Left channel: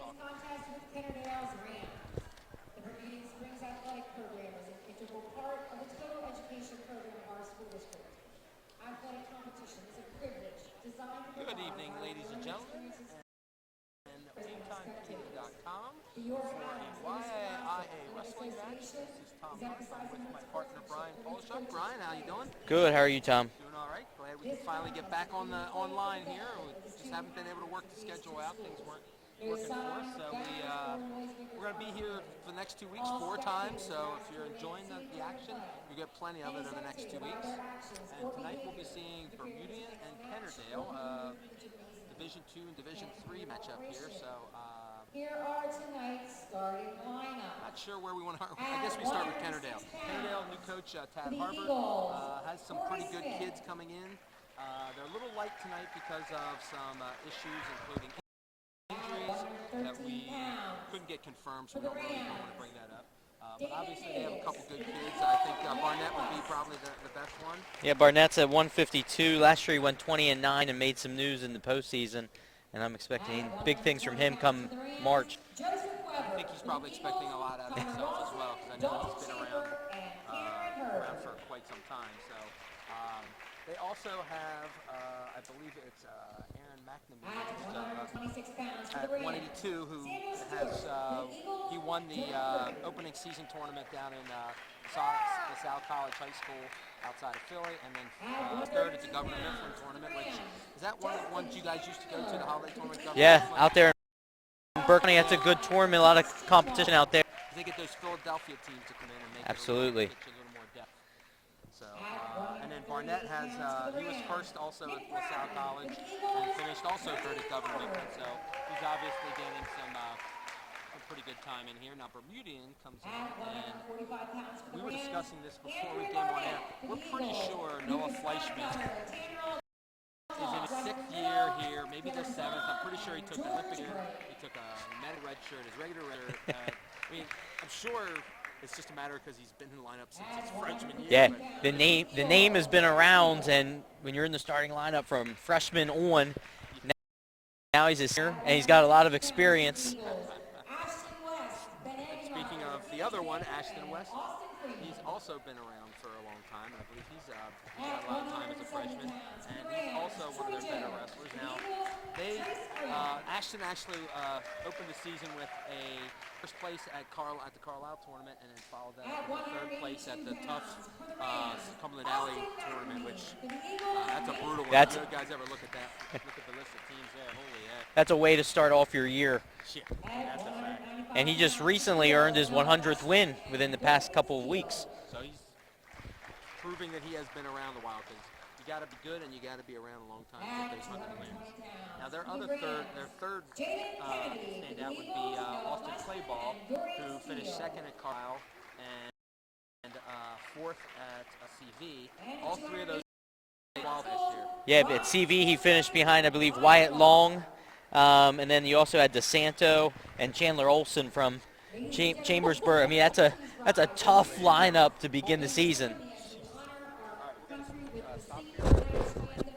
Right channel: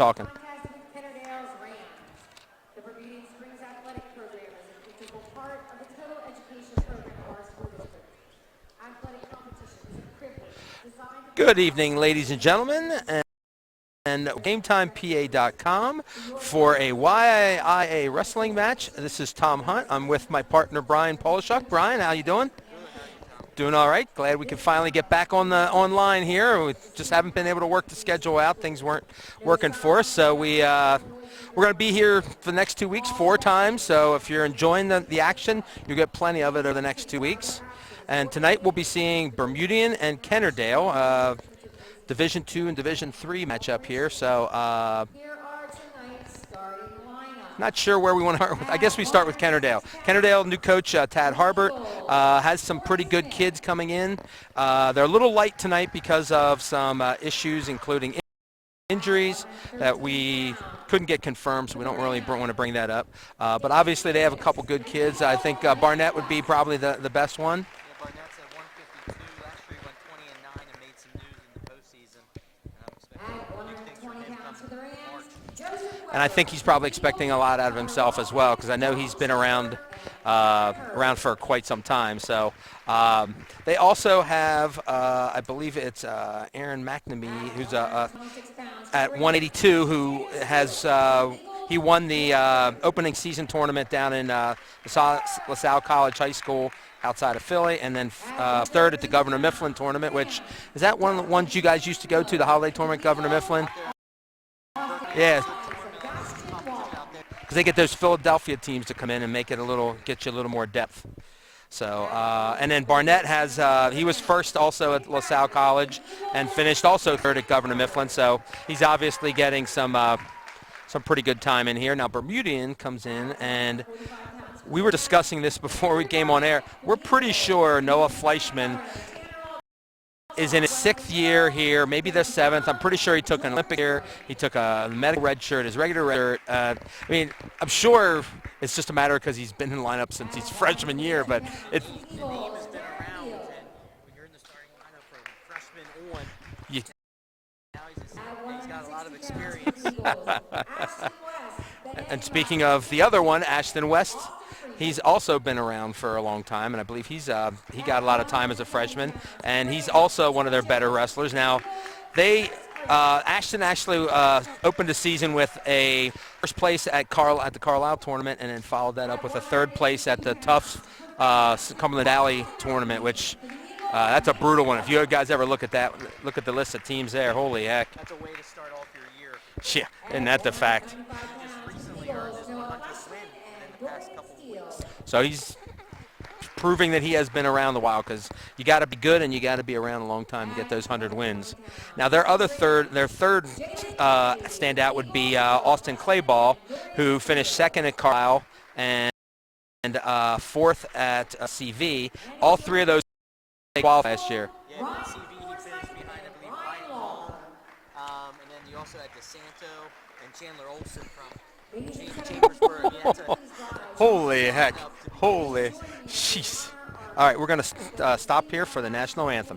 talking. Kennard-Dale's RAN. The Bermudian Springs Athletic Program is an integral part of the total education program of our school district. Athletic competition is a privilege designed. Good evening, ladies and gentlemen, and GameTimePA.com for a YIA wrestling match. This is Tom Hunt. I'm with my partner Brian Polishuk. Brian, how you doing? Good. How are you, Tom? Doing all right. Glad we can finally get back on the online here. We just haven't been able to work the schedule out. Things weren't working for us, so we're going to be here for the next 2 weeks 4 times. So if you're enjoying the action, you'll get plenty of it over the next 2 weeks. And tonight we'll be seeing Bermudian and Kennard-Dale. Division II and Division III matchup here, so Here are tonight's starting lineup. not sure where we want to start with. I guess we start with Kennard-Dale. Kennard-Dale, new coach Tad Harbert, has some pretty good kids coming in. They're a little light tonight because of some issues, including injuries that we couldn't get confirmed, so we don't really want to bring that up. But obviously they have a couple good kids. I think Barnett would be probably the best one. Yeah, Barnett's at 152. Last year he went 20-9 and made some news in the postseason, and I'm expecting big things from him come March. And I think he's probably expecting a lot out of himself as well, because I know he's been around for quite some time. So they also have, I believe it's Aaron McNamee, who's at 182, who has he won the opening season tournament down in LaSalle College High School outside of Philly, and then third at the Governor Mifflin tournament, which is that one of the ones you guys used to go to, the holiday tournament, Governor Mifflin? Out there in Berkeley. It's a good tournament, a lot of competition out there. Because they get those Philadelphia teams to come in and make it Absolutely. get you a little more depth. So, and then Barnett has, he was first also at LaSalle College and finished also third at Governor Mifflin. So he's obviously getting some pretty good time in here. Now Bermudian comes in, and we were discussing this before we came on air. We're pretty sure Noah Fleischman is in his 6th year here, maybe the 7th. I'm pretty sure he took an Olympic year. He took a medical red shirt, his regular red shirt. I mean, I'm sure it's just a matter because he's been in the lineup since his freshman year. Yeah, but the name has been around, and when you're in the starting lineup from freshman on, now he's a senior, and he's got a lot of experience. And speaking of the other one, Ashton West, he's also been around for a long time, and I believe he got a lot of time as a freshman, and he's also one of their better wrestlers. Now, Ashton actually opened the season with a first place at the Carlisle tournament, and then followed that up with a 3rd place at the Tufts Cumberland Valley tournament, which that's a brutal one. If you guys ever look at that, look at the list of teams there, holy heck. That's a way to start off your year. Yeah, and that's the fact. And he just recently earned his 100th win within the past couple of weeks. So he's proving that he has been around a while, because you got to be good and you got to be around a long time to get those 100 wins. Now their third standout would be Austin Clayball, who finished 2nd at Carlisle and 4th at CV. All 3 of those qualified last year. Yeah, at CV he finished behind, I believe, Wyatt Long, and then you also had DeSanto and Chandler Olson from Chambersburg. I mean, that's a tough lineup to begin the season. Jeez. All right, we're going to stop here for the national anthem.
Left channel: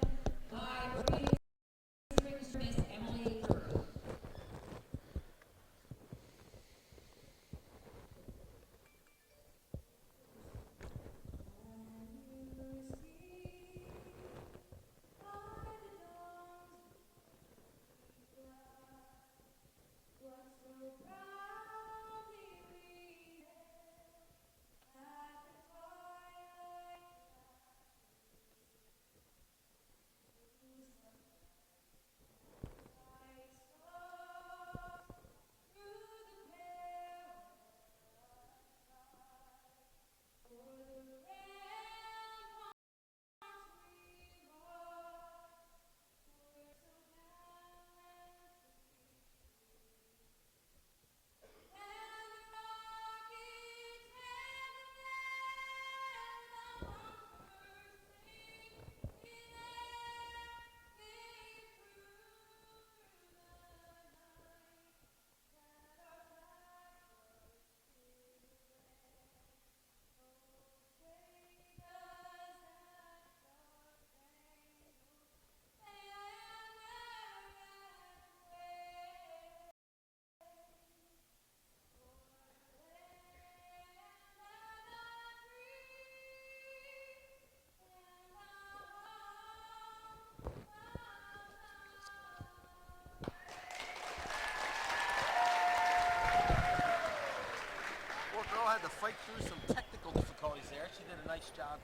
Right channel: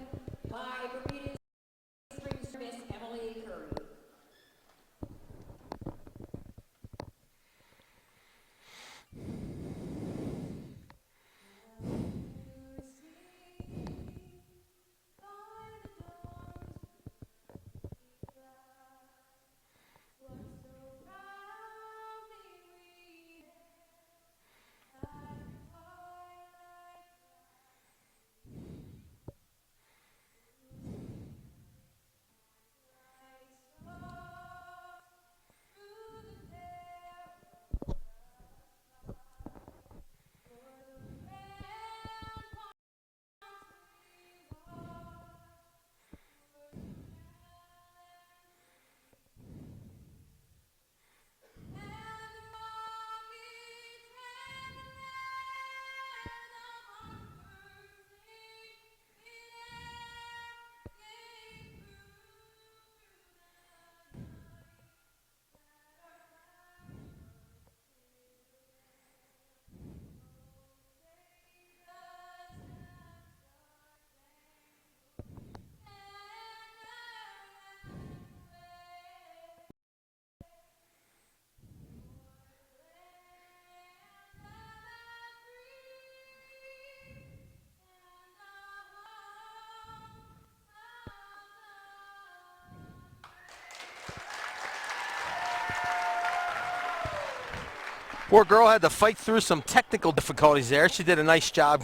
Poor girl had to fight through some technical difficulties there. She did a nice job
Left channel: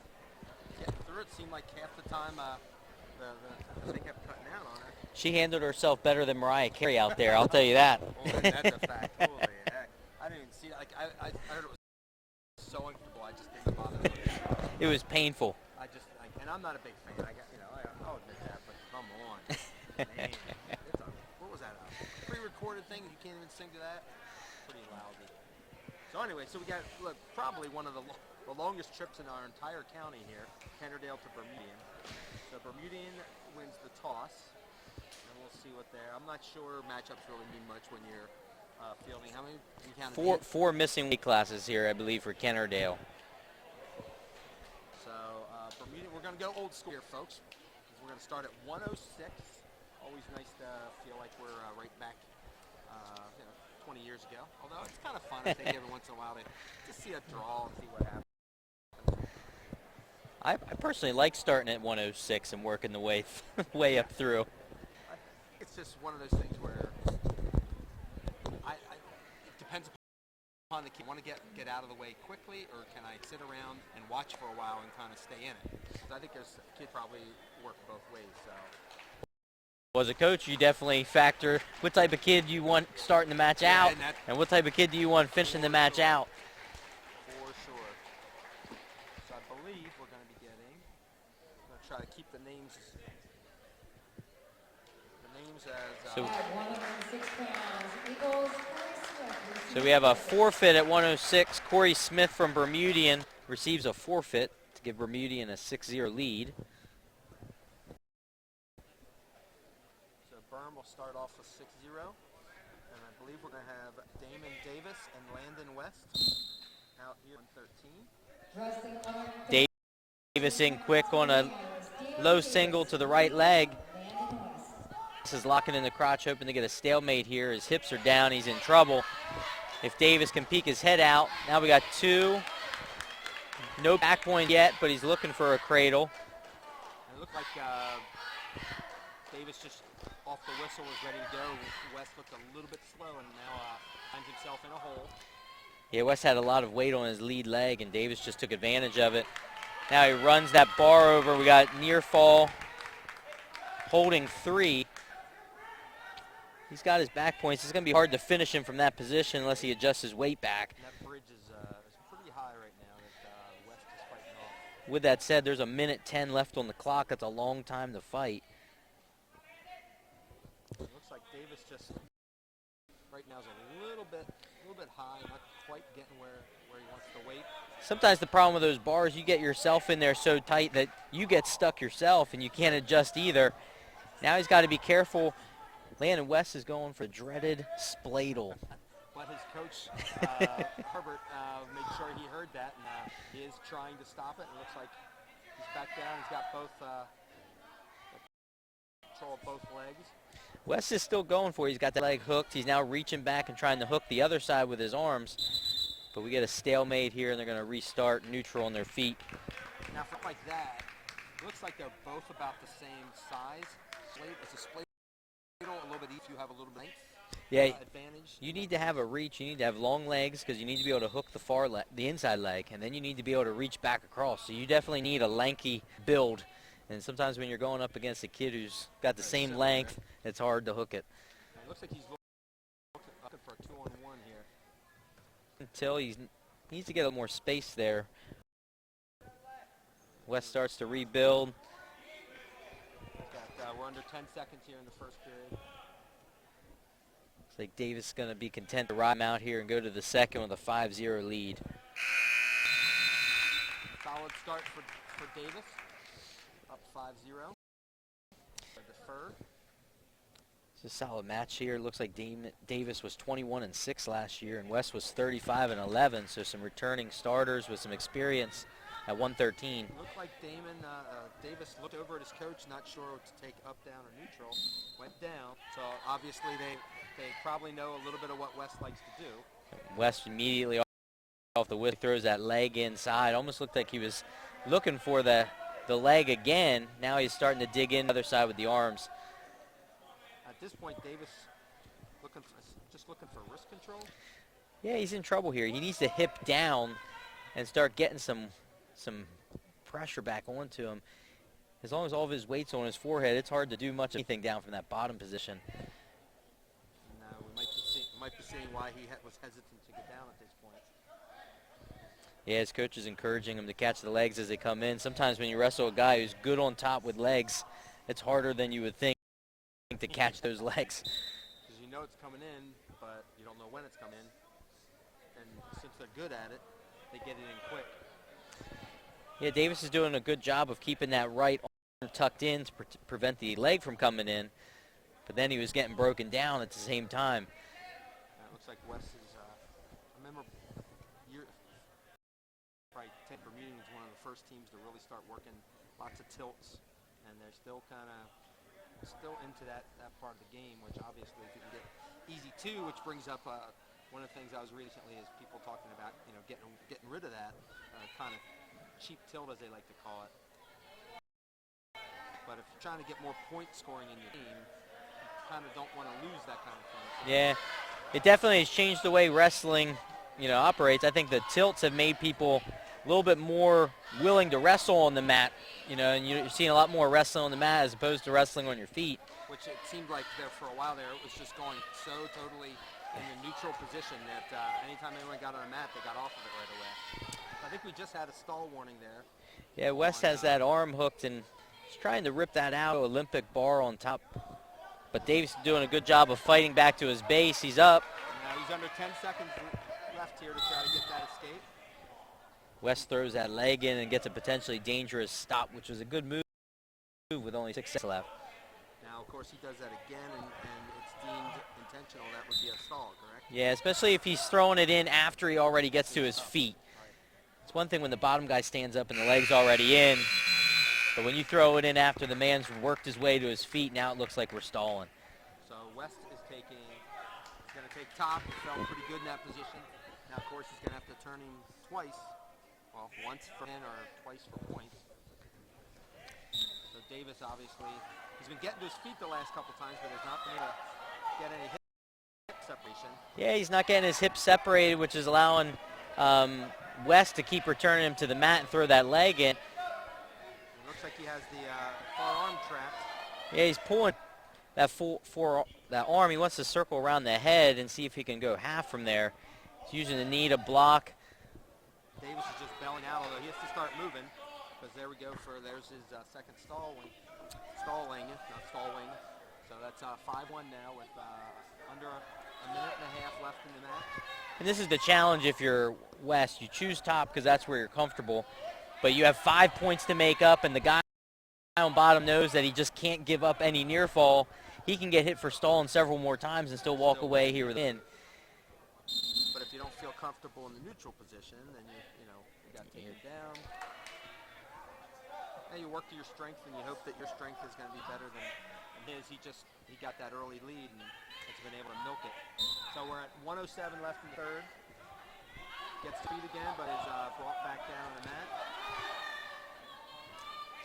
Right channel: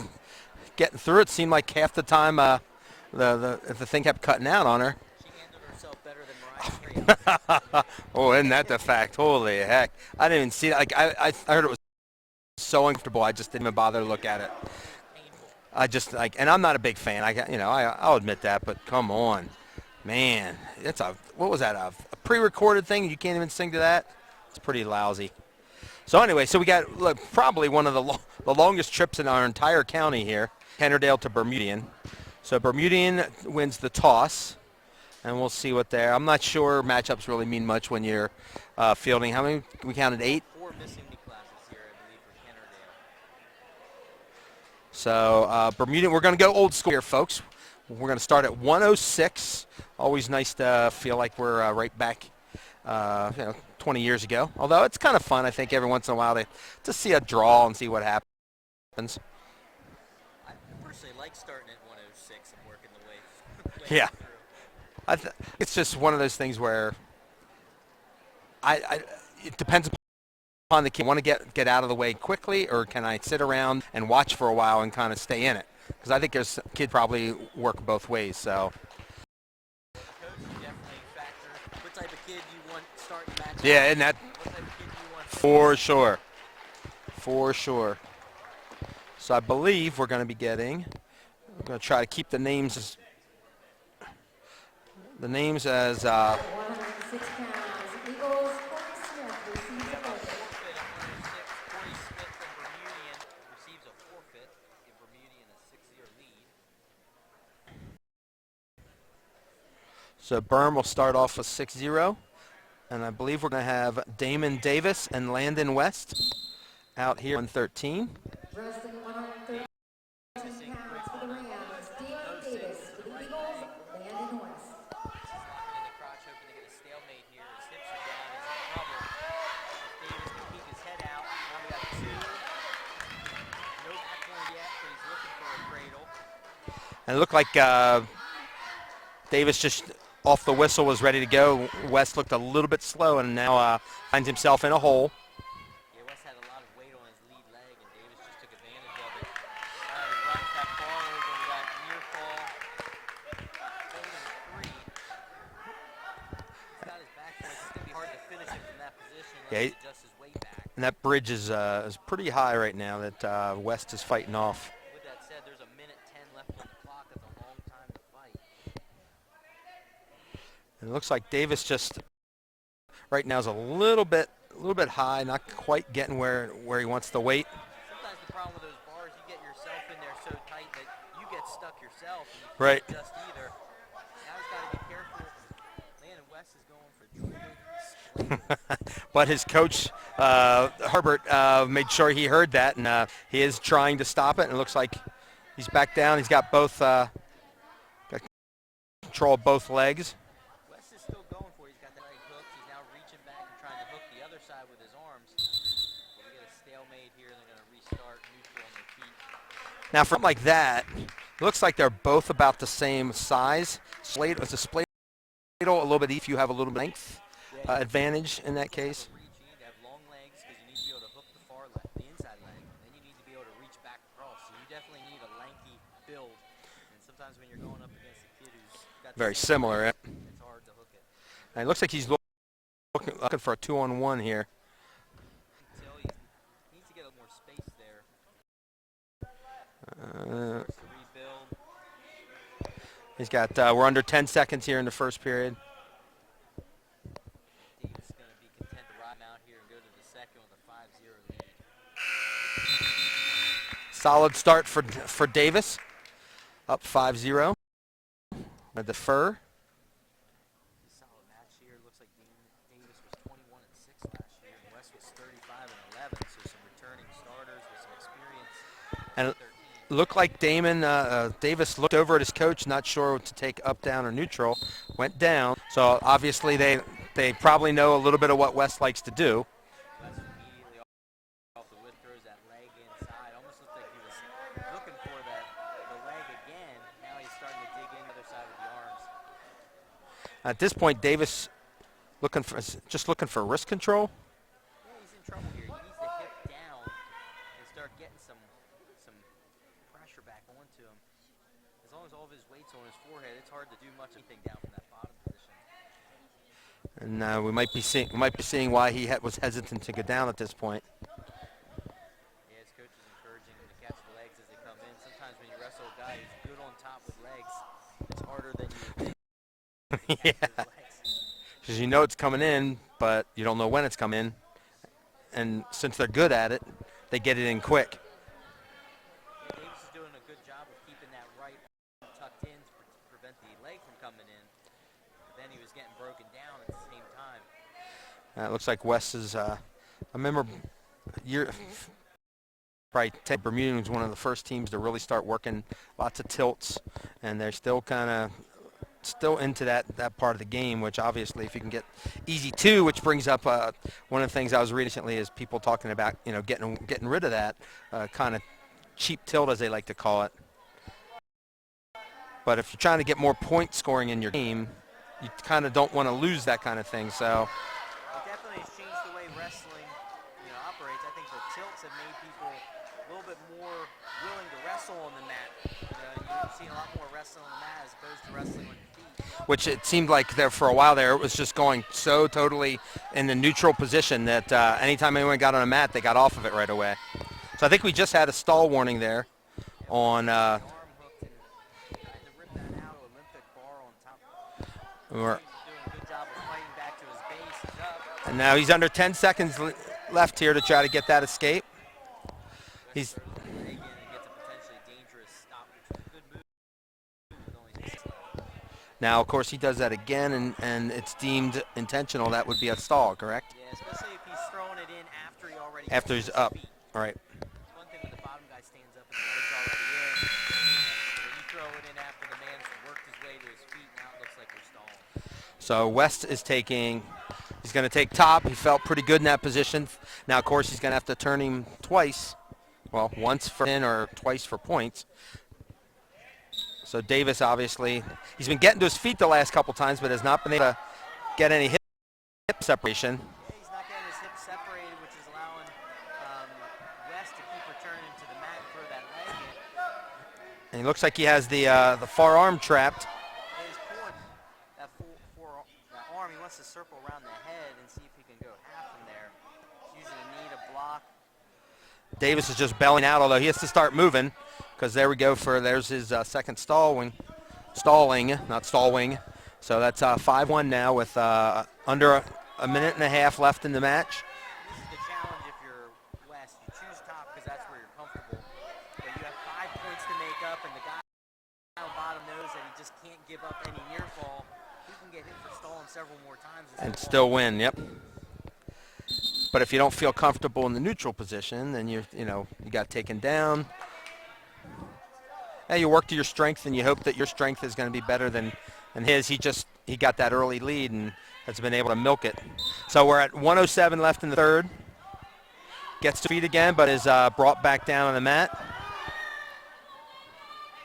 getting through it. Seemed like half the time the thing kept cutting out on her. She handled herself better than Mariah Carey out there, I'll tell you that. Oh, isn't that the fact? Holy heck. I didn't even see it. Like, I heard it was so uncomfortable. I just didn't even bother to look at it. It was painful. I just, like, and I'm not a big fan. I'll admit that, but come on. Man, what was that, a pre-recorded thing? You can't even sing to that? It's pretty lousy. So anyway, we got probably one of the longest trips in our entire county here, Kennard-Dale to Bermudian. So Bermudian wins the toss, and we'll see what there. I'm not sure matchups really mean much when you're fielding. How many? We counted 8? 4 missing weight classes here, I believe, for Kennard-Dale. So Bermudian, we're going to go old school here, folks. We're going to start at 106. Always nice to feel like we're right back, 20 years ago. Although it's kind of fun, I think, every once in a while to see a draw and see what happens. I personally like starting at 106 and working the way Yeah. up through. It's just one of those things where it depends upon the kid. Want to get out of the way quickly, or can I sit around and watch for a while and kind of stay in it? Because I think there's kid probably work both ways. So. As a coach, you definitely factor what type of kid you want starting the match Yeah, out, and what type of kid do you want finishing the match out. For sure. So I believe we're going to be getting. I'm going to try to keep the names as. £106. Eagles, So we have a forfeit at 106. Corey Smith from Bermudian receives a forfeit to give Bermudian a 6-0 lead. So Berm will start off with 6-0. And I believe we're going to have Damon Davis and Landon West out here on 13. Davis in quick on a low single to the right leg. This is locking in the crotch, hoping to get a stalemate here. His hips are down. He's in trouble. If Davis can peek his head out. Now we got 2. No back point yet, but he's looking for a cradle. And it looked like Davis just off the whistle was ready to go. West looked a little bit slow and now finds himself in a hole. Yeah, West had a lot of weight on his lead leg, and Davis just took advantage of it. Now he runs that bar over. We got near fall, holding 3. He's got his back points. It's going to be hard to finish him from that position unless he adjusts his weight back. And that bridge is pretty high right now that West is fighting off. With that said, there's a minute 10 left on the clock. That's a long time to fight. It looks like Davis just right now is a little bit high, not quite getting where he wants the weight. Sometimes the problem with those bars, you get yourself in there so tight that you get stuck yourself and you can't adjust either. Now he's got to be careful. Landon West is going for dreaded spladle. But his coach, Herbert, made sure he heard that, and he is trying to stop it. And it looks like he's back down. He's got got control of both legs. West is still going for it. He's got that leg hooked. He's now reaching back and trying to hook the other side with his arms. But we get a stalemate here, and they're going to restart neutral on their feet. Now, from like that, it looks like they're both about the same size. It's a spladle a little bit if you have a little bit length advantage in that case. You need to have a reach. You need to have long legs because you need to be able to hook the inside leg, and then you need to be able to reach back across. So you definitely need a lanky build. And sometimes when you're going up against a kid who's got the same length, it's hard to hook it. And it looks like he's looking for a 2-on-1 here. Until he needs to get a little more space there. West starts to rebuild. He's got, we're under 10 seconds here in the first period. It's like Davis is going to be content to ride him out here and go to the second with a 5-0 lead. Solid start for Davis. Up 5-0. I defer. It's a solid match here. Looks like Davis was 21-6 last year, and West was 35-11. So some returning starters with some experience at 113. Looked like Davis looked over at his coach, not sure what to take, up, down, or neutral. Went down. So obviously they probably know a little bit of what West likes to do. West immediately off the whip throws that leg inside. Almost looked like he was looking for the leg again. Now he's starting to dig in the other side with the arms. At this point, Davis just looking for wrist control. Yeah, he's in trouble here. He needs to hip down and start getting some pressure back onto him. As long as all of his weight's on his forehead, it's hard to do much of anything down from that bottom position. And we might be seeing why he was hesitant to go down at this point. Yeah, his coach is encouraging him to catch the legs as they come in. Sometimes when you wrestle a guy who's good on top with legs, it's harder than you would think to catch those legs. Because you know it's coming in, but you don't know when it's coming in. And since they're good at it, they get it in quick. Yeah, Davis is doing a good job of keeping that right arm tucked in to prevent the leg from coming in. But then he was getting broken down at the same time. It looks like Wes is, I remember probably Bermudian was one of the first teams to really start working lots of tilts, and they're still kind of into that part of the game, which obviously if you can get easy two, which brings up one of the things I was reading recently is people talking about, you know, getting rid of that kind of cheap tilt, as they like to call it. But if you're trying to get more point scoring in your game, you kind of don't want to lose that kind of thing. So yeah, it definitely has changed the way wrestling, you know, operates. I think the tilts have made people a little bit more willing to wrestle on the mat, you know, and you're seeing a lot more wrestling on the mat as opposed to wrestling on your feet. Which it seemed like there for a while there, it was just going so totally in the neutral position that anytime anyone got on a mat, they got off of it right away. So I think we just had a stall warning there. Yeah, Wes has that arm hooked and he's trying to rip that out. Olympic bar on top. But Davis is doing a good job of fighting back to his base. He's up. And now he's under 10 seconds left here to try to get that escape. Wes throws that leg in and gets a potentially dangerous stop, which was a good move with only 6 seconds left. Now, of course, he does that again, and it's deemed intentional. That would be a stall, correct? Yeah, especially if he's throwing it in after he already gets to his feet. All right. It's one thing when the bottom guy stands up and the leg's already in. But when you throw it in after the man's worked his way to his feet, now it looks like we're stalling. So West is taking, he's going to take top. He felt pretty good in that position. Now, of course, he's going to have to turn him twice. Well, once for in or twice for points. So Davis, obviously, he's been getting to his feet the last couple times, but has not been able to get any hip separation. Yeah, he's not getting his hips separated, which is allowing West to keep returning him to the mat and throw that leg in. And he looks like he has the far arm trapped. Yeah, he's pulling that that arm. He wants to circle around the head and see if he can go half from there. He's using the knee to block. Davis is just belling out, although he has to start moving, because there we go there's his second stalling, not stall wing. So that's 5-1 now with under a minute and a half left in the match. And this is the challenge if you're West. You choose top because that's where you're comfortable. But you have 5 points to make up, and the guy on bottom knows that he just can't give up any near fall. He can get hit for stalling several more times and walk away and win. But if you don't feel comfortable in the neutral position, then you got taken down. And you work to your strength, and you hope that your strength is going to be better than his. He got that early lead and has been able to milk it. So we're at 1:07 left in the third. Gets to feet again, but is brought back down on the mat.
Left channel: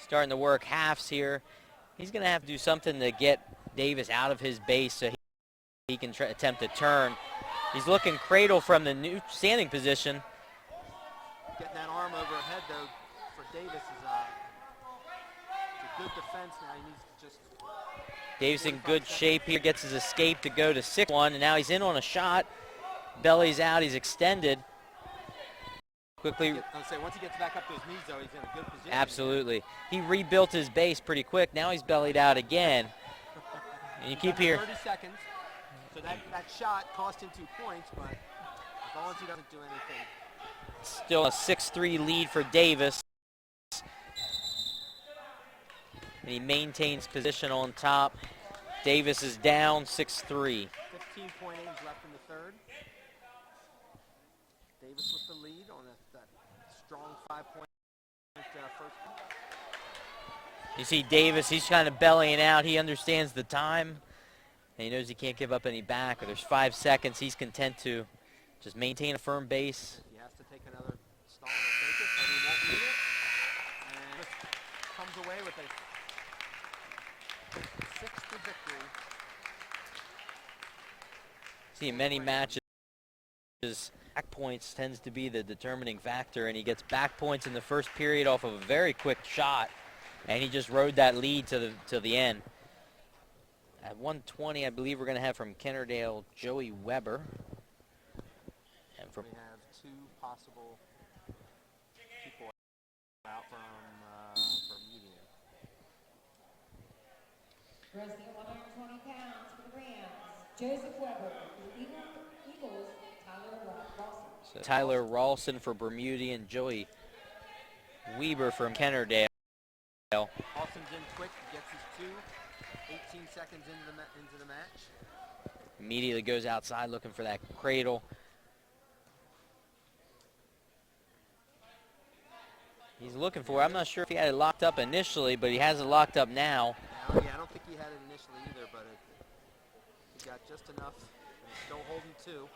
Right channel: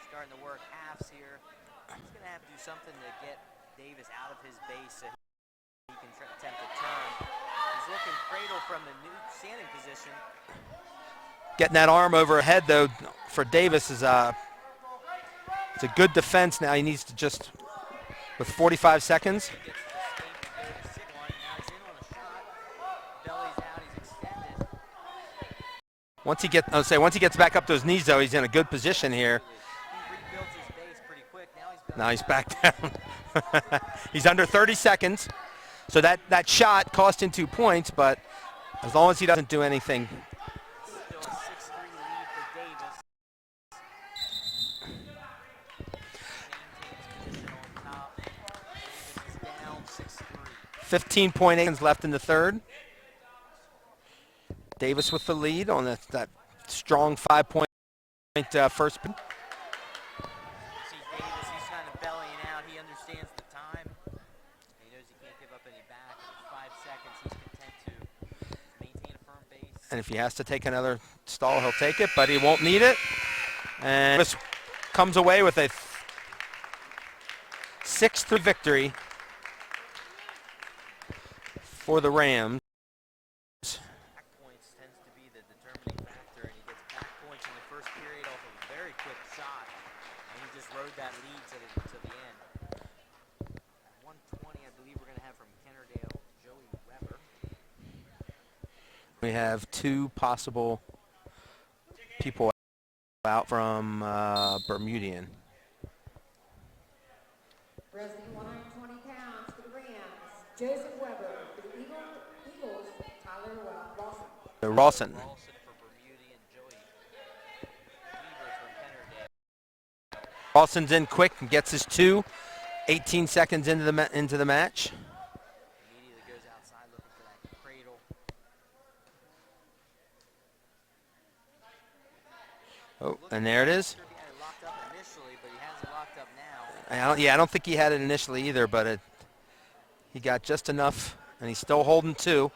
Starting to work halves here. He's going to have to do something to get Davis out of his base so he can attempt to turn. He's looking cradle from the new standing position. Getting that arm overhead, though, for Davis is it's a good defense now. He needs to just, with Davis 45 seconds. He gets his escape to go to 6-1, and now he's in on a shot. Belly's out. He's extended. Once he gets back up to his knees, though, he's in a good position here. Absolutely. He rebuilt his base pretty quick. Now he's bellied out again. He's under 30 seconds. So that shot cost him 2 points, but as long as he doesn't do anything. Still a 6-3 lead for Davis. He maintains position on top. Davis is down 6-3. 15.8 seconds left in the third. Davis with the lead on that strong 5-point first. You see Davis, he's kind of bellying out. He understands the time, and he knows he can't give up any back. Or there's 5 seconds. He's content to just maintain a firm base. And if he has to take another stall, he'll take it, but he won't need it. And Davis comes away with a 6-3 victory for the Rams. back points tends to be the determining factor, and he gets back points in the first period off of a very quick shot, and he just rode that lead to the end. At 120, I believe we're going to have from Kennard-Dale, Joey Weber. We have 2 possible people out from Bermudian. Resting 120 pounds for the Rams, Joseph Weber. For the Eagles, Tyler Rawson. Tyler Rawson for Bermudian, Joey Weber from Kennard-Dale. Rawson's in quick and gets his 2. 18 seconds into the match. Immediately goes outside looking for that cradle. And there it is. I'm not sure if he had it locked up initially, but he has it locked up now. I don't think he had it initially either, but he got just enough, and he's still holding 2.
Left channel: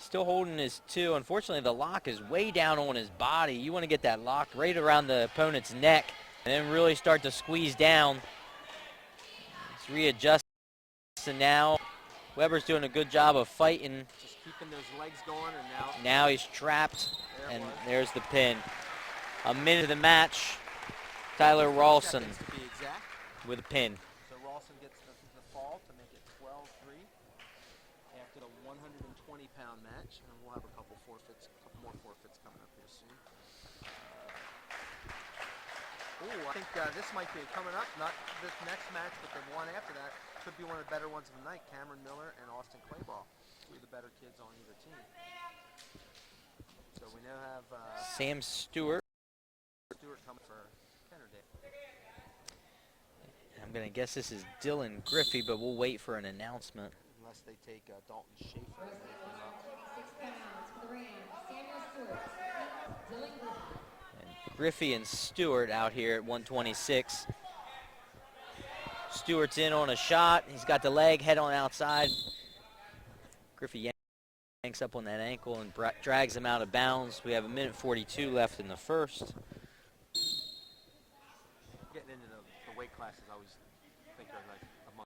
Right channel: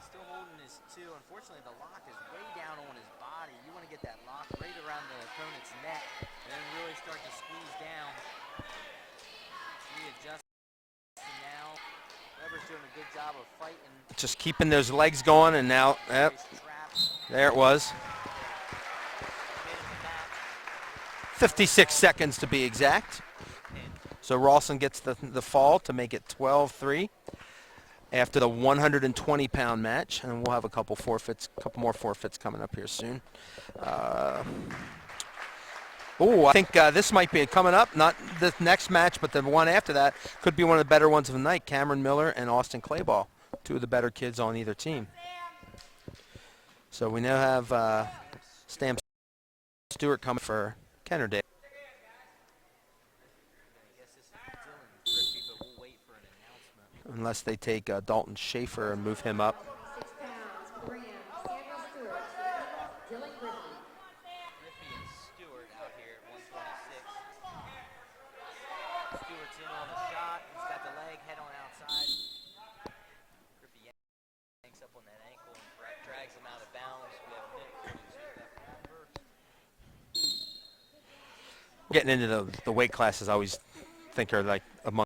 Still holding his 2. Unfortunately, the lock is way down on his body. You want to get that lock right around the opponent's neck and then really start to squeeze down. It's readjusting now. Weber's doing a good job of fighting. Just keeping those legs going, and now He's trapped. There it was. There's the pin. A minute of the match. 56 seconds to be exact. With a pin. So Rawson gets the fall to make it 12-3 after the 120-pound match, and we'll have a couple more forfeits coming up here soon. I think this might be coming up. Not the next match, but the one after that could be one of the better ones of the night. Cameron Miller and Austin Clayball, 2 of the better kids on either team. So we now have Sam Stewart coming for Kennard-Dale. I'm going to guess this is Dylan Griffey, but we'll wait for an announcement. Unless they take Dalton Schaefer and move him up. 26 pounds for the Rams, Samuel Stewart. Dylan Griffey. Griffey and Stewart out here at 126. Stewart's in on a shot. He's got the leg, head on outside. Griffey yanks up on that ankle and drags him out of bounds. We have a minute 42 left in the first. Getting into the weight classes, I always think are like among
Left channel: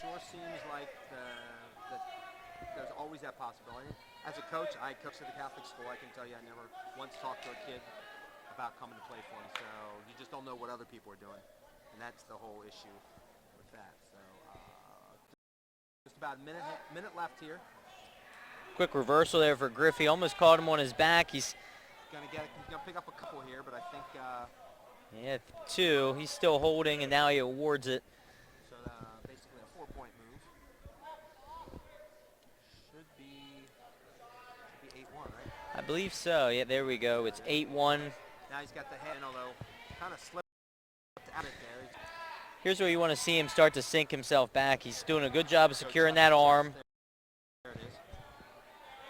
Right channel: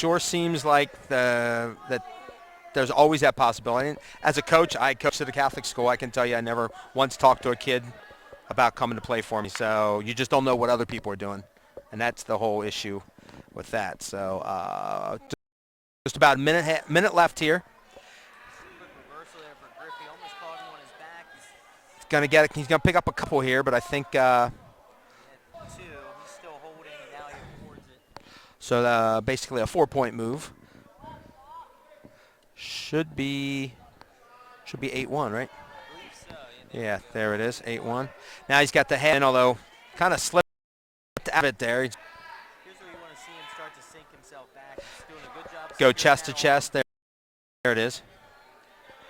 sure seems like that there's always that possibility. And as a coach, I coached at a Catholic school. I can tell you I never once talked to a kid about coming to play for me. So you just don't know what other people are doing. And that's the whole issue with that. So just about a minute left here. Quick reversal there for Griffey. Almost caught him on his back. He's going to get it. He's going to pick up a couple here, but I think yeah, 2. He's still holding, and now he awards it. So basically a 4-point move. Should be 8-1, right? I believe so. Yeah, there we go. There it's it is, 8-1. Now he's got the head, although kind of slipped out of it there. Here's where you want to see him start to sink himself back. He's doing a good job of Go securing chest that to chest. arm. There it is.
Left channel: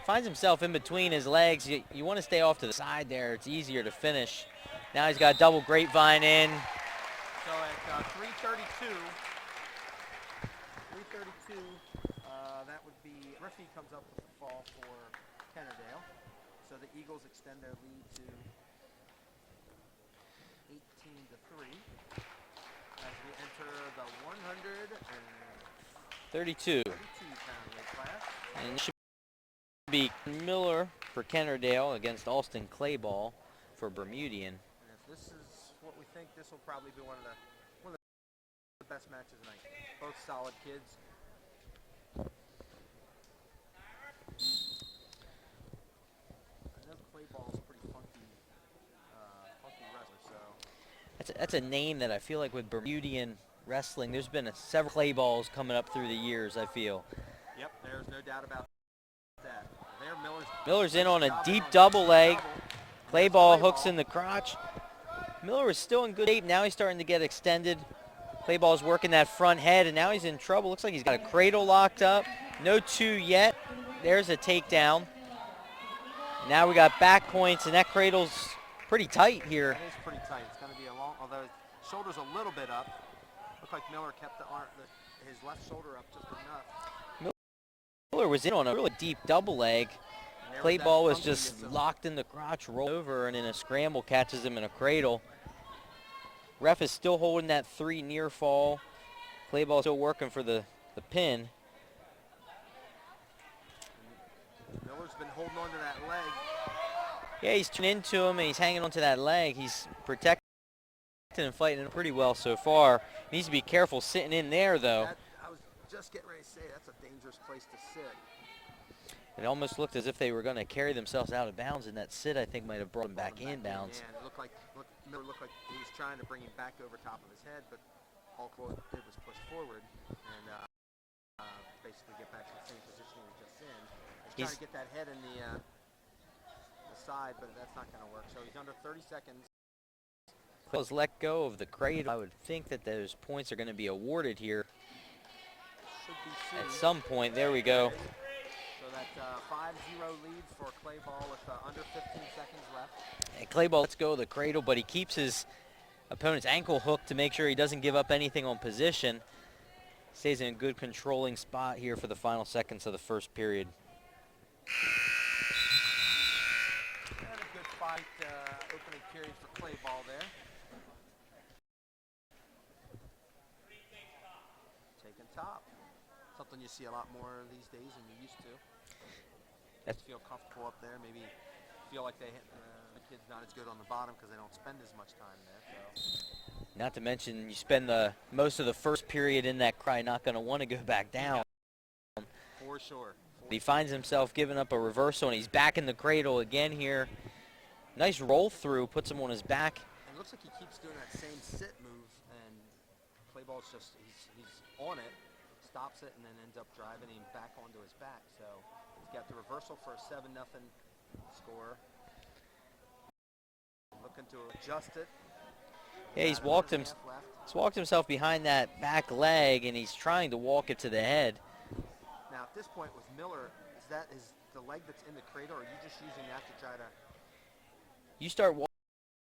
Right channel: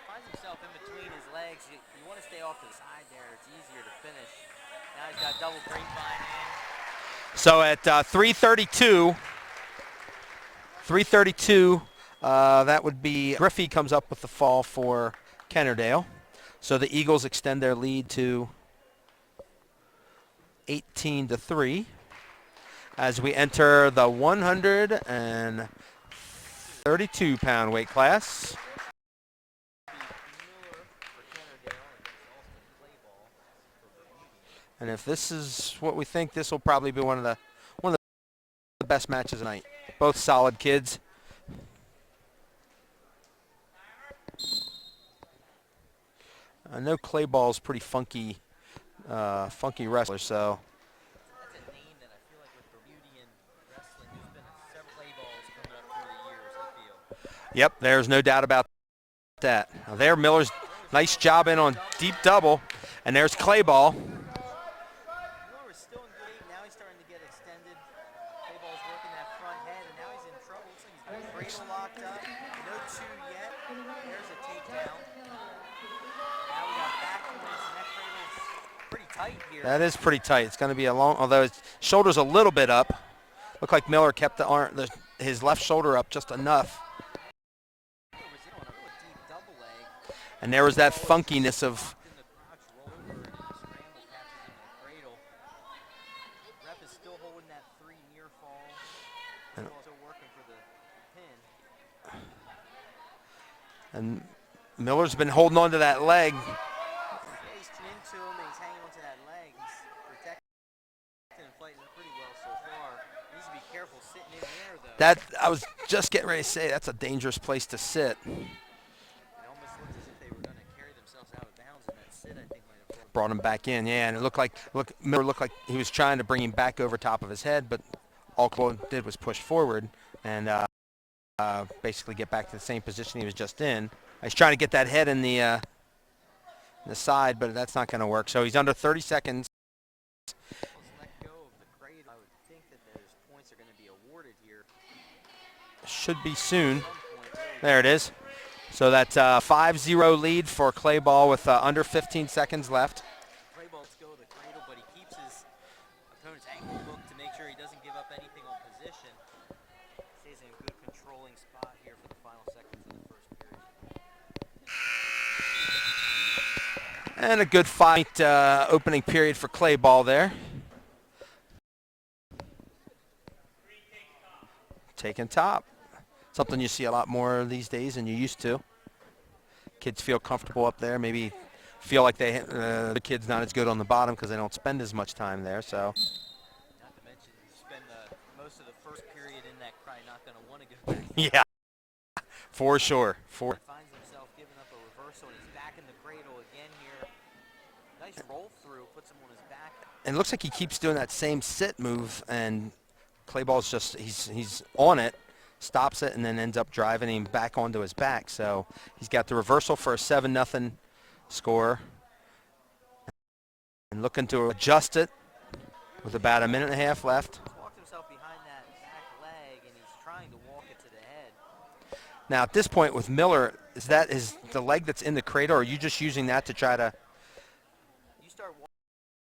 Finds himself in between his legs. You want to stay off to the side there. It's easier to finish. Now he's got double grapevine in. So at 3:32, that would be Griffey comes up with the fall for Kennard-Dale. So the Eagles extend their lead to 18-3 as we enter the 132-pound weight class. And it should be Miller for Kennard-Dale against Alston Clayball for Bermudian. And if this is what we think, this will probably be one of the best matches tonight. Both solid kids. I know Clayball's pretty funky wrestler, so. That's a name that I feel like with Bermudian wrestling, there's been several Clayballs coming up through the years, I feel. Yep, there's no doubt about that. Now there, Miller's nice job in on deep double. And there's Clayball. Hooks in the crotch. Miller is still in good shape. Now he's starting to get extended. Clayball's working that front head, and now he's in trouble. Looks like he's got a cradle locked up. No 2 yet. There's a takedown. Now we got back points, and that cradle's pretty tight here. That is pretty tight. It's going to be a long, although his shoulder's a little bit up. Looked like Miller kept his left shoulder up just enough. Miller was in on a really deep double leg. And there was that Clayball funkiness just of locked in the crotch, roll over, and in a scramble catches him in a cradle. Ref is still holding that 3 near fall. Clayball still working for the pin. And Miller's been holding on to that leg. Yeah, he's tuned into him, and he's hanging onto that leg. He's protecting and fighting it pretty well so far. Needs to be careful sitting in there, though. I was just getting ready to say, that's a dangerous place to sit. It almost looked as if they were going to carry themselves out of bounds, and that sit, I think, might have brought him back in. Yeah, and it looked like Miller looked like he was trying to bring him back over top of his head, but all Claude did was push forward and basically get back to the same position he was just in. He's trying to get that head in the side, but that's not going to work. So he's under 30 seconds. Let's let go of the cradle. I would think that those points are going to be awarded here. Should be soon. At some point. There we go. There it is. So that's a 5-0 lead for Clayball with under 15 seconds left. And Clayball lets go of the cradle, but he keeps his opponent's ankle hooked to make sure he doesn't give up anything on position. Stays in a good controlling spot here for the final seconds of the first period. And a good fight opening period for Clayball there. Taking top. Something you see a lot more these days than you used to. Kids feel comfortable up there. Maybe feel like the kid's not as good on the bottom because they don't spend as much time there. So. Not to mention you spend most of the first period in that cry, not going to want to go back down. Yeah, for sure. He finds himself giving up a reversal, and he's back in the cradle again here. Nice roll through, puts him on his back. And it looks like he keeps doing that same sit move, and Clayball's just, he's on it, stops it, and then ends up driving him back onto his back. So he's got the reversal for a 7-0 score. And looking to adjust it with about a minute and a half left. He's walked himself behind that back leg, and he's trying to walk it to the head. Now at this point with Miller, is the leg that's in the cradle, or are you just using that to try to? You start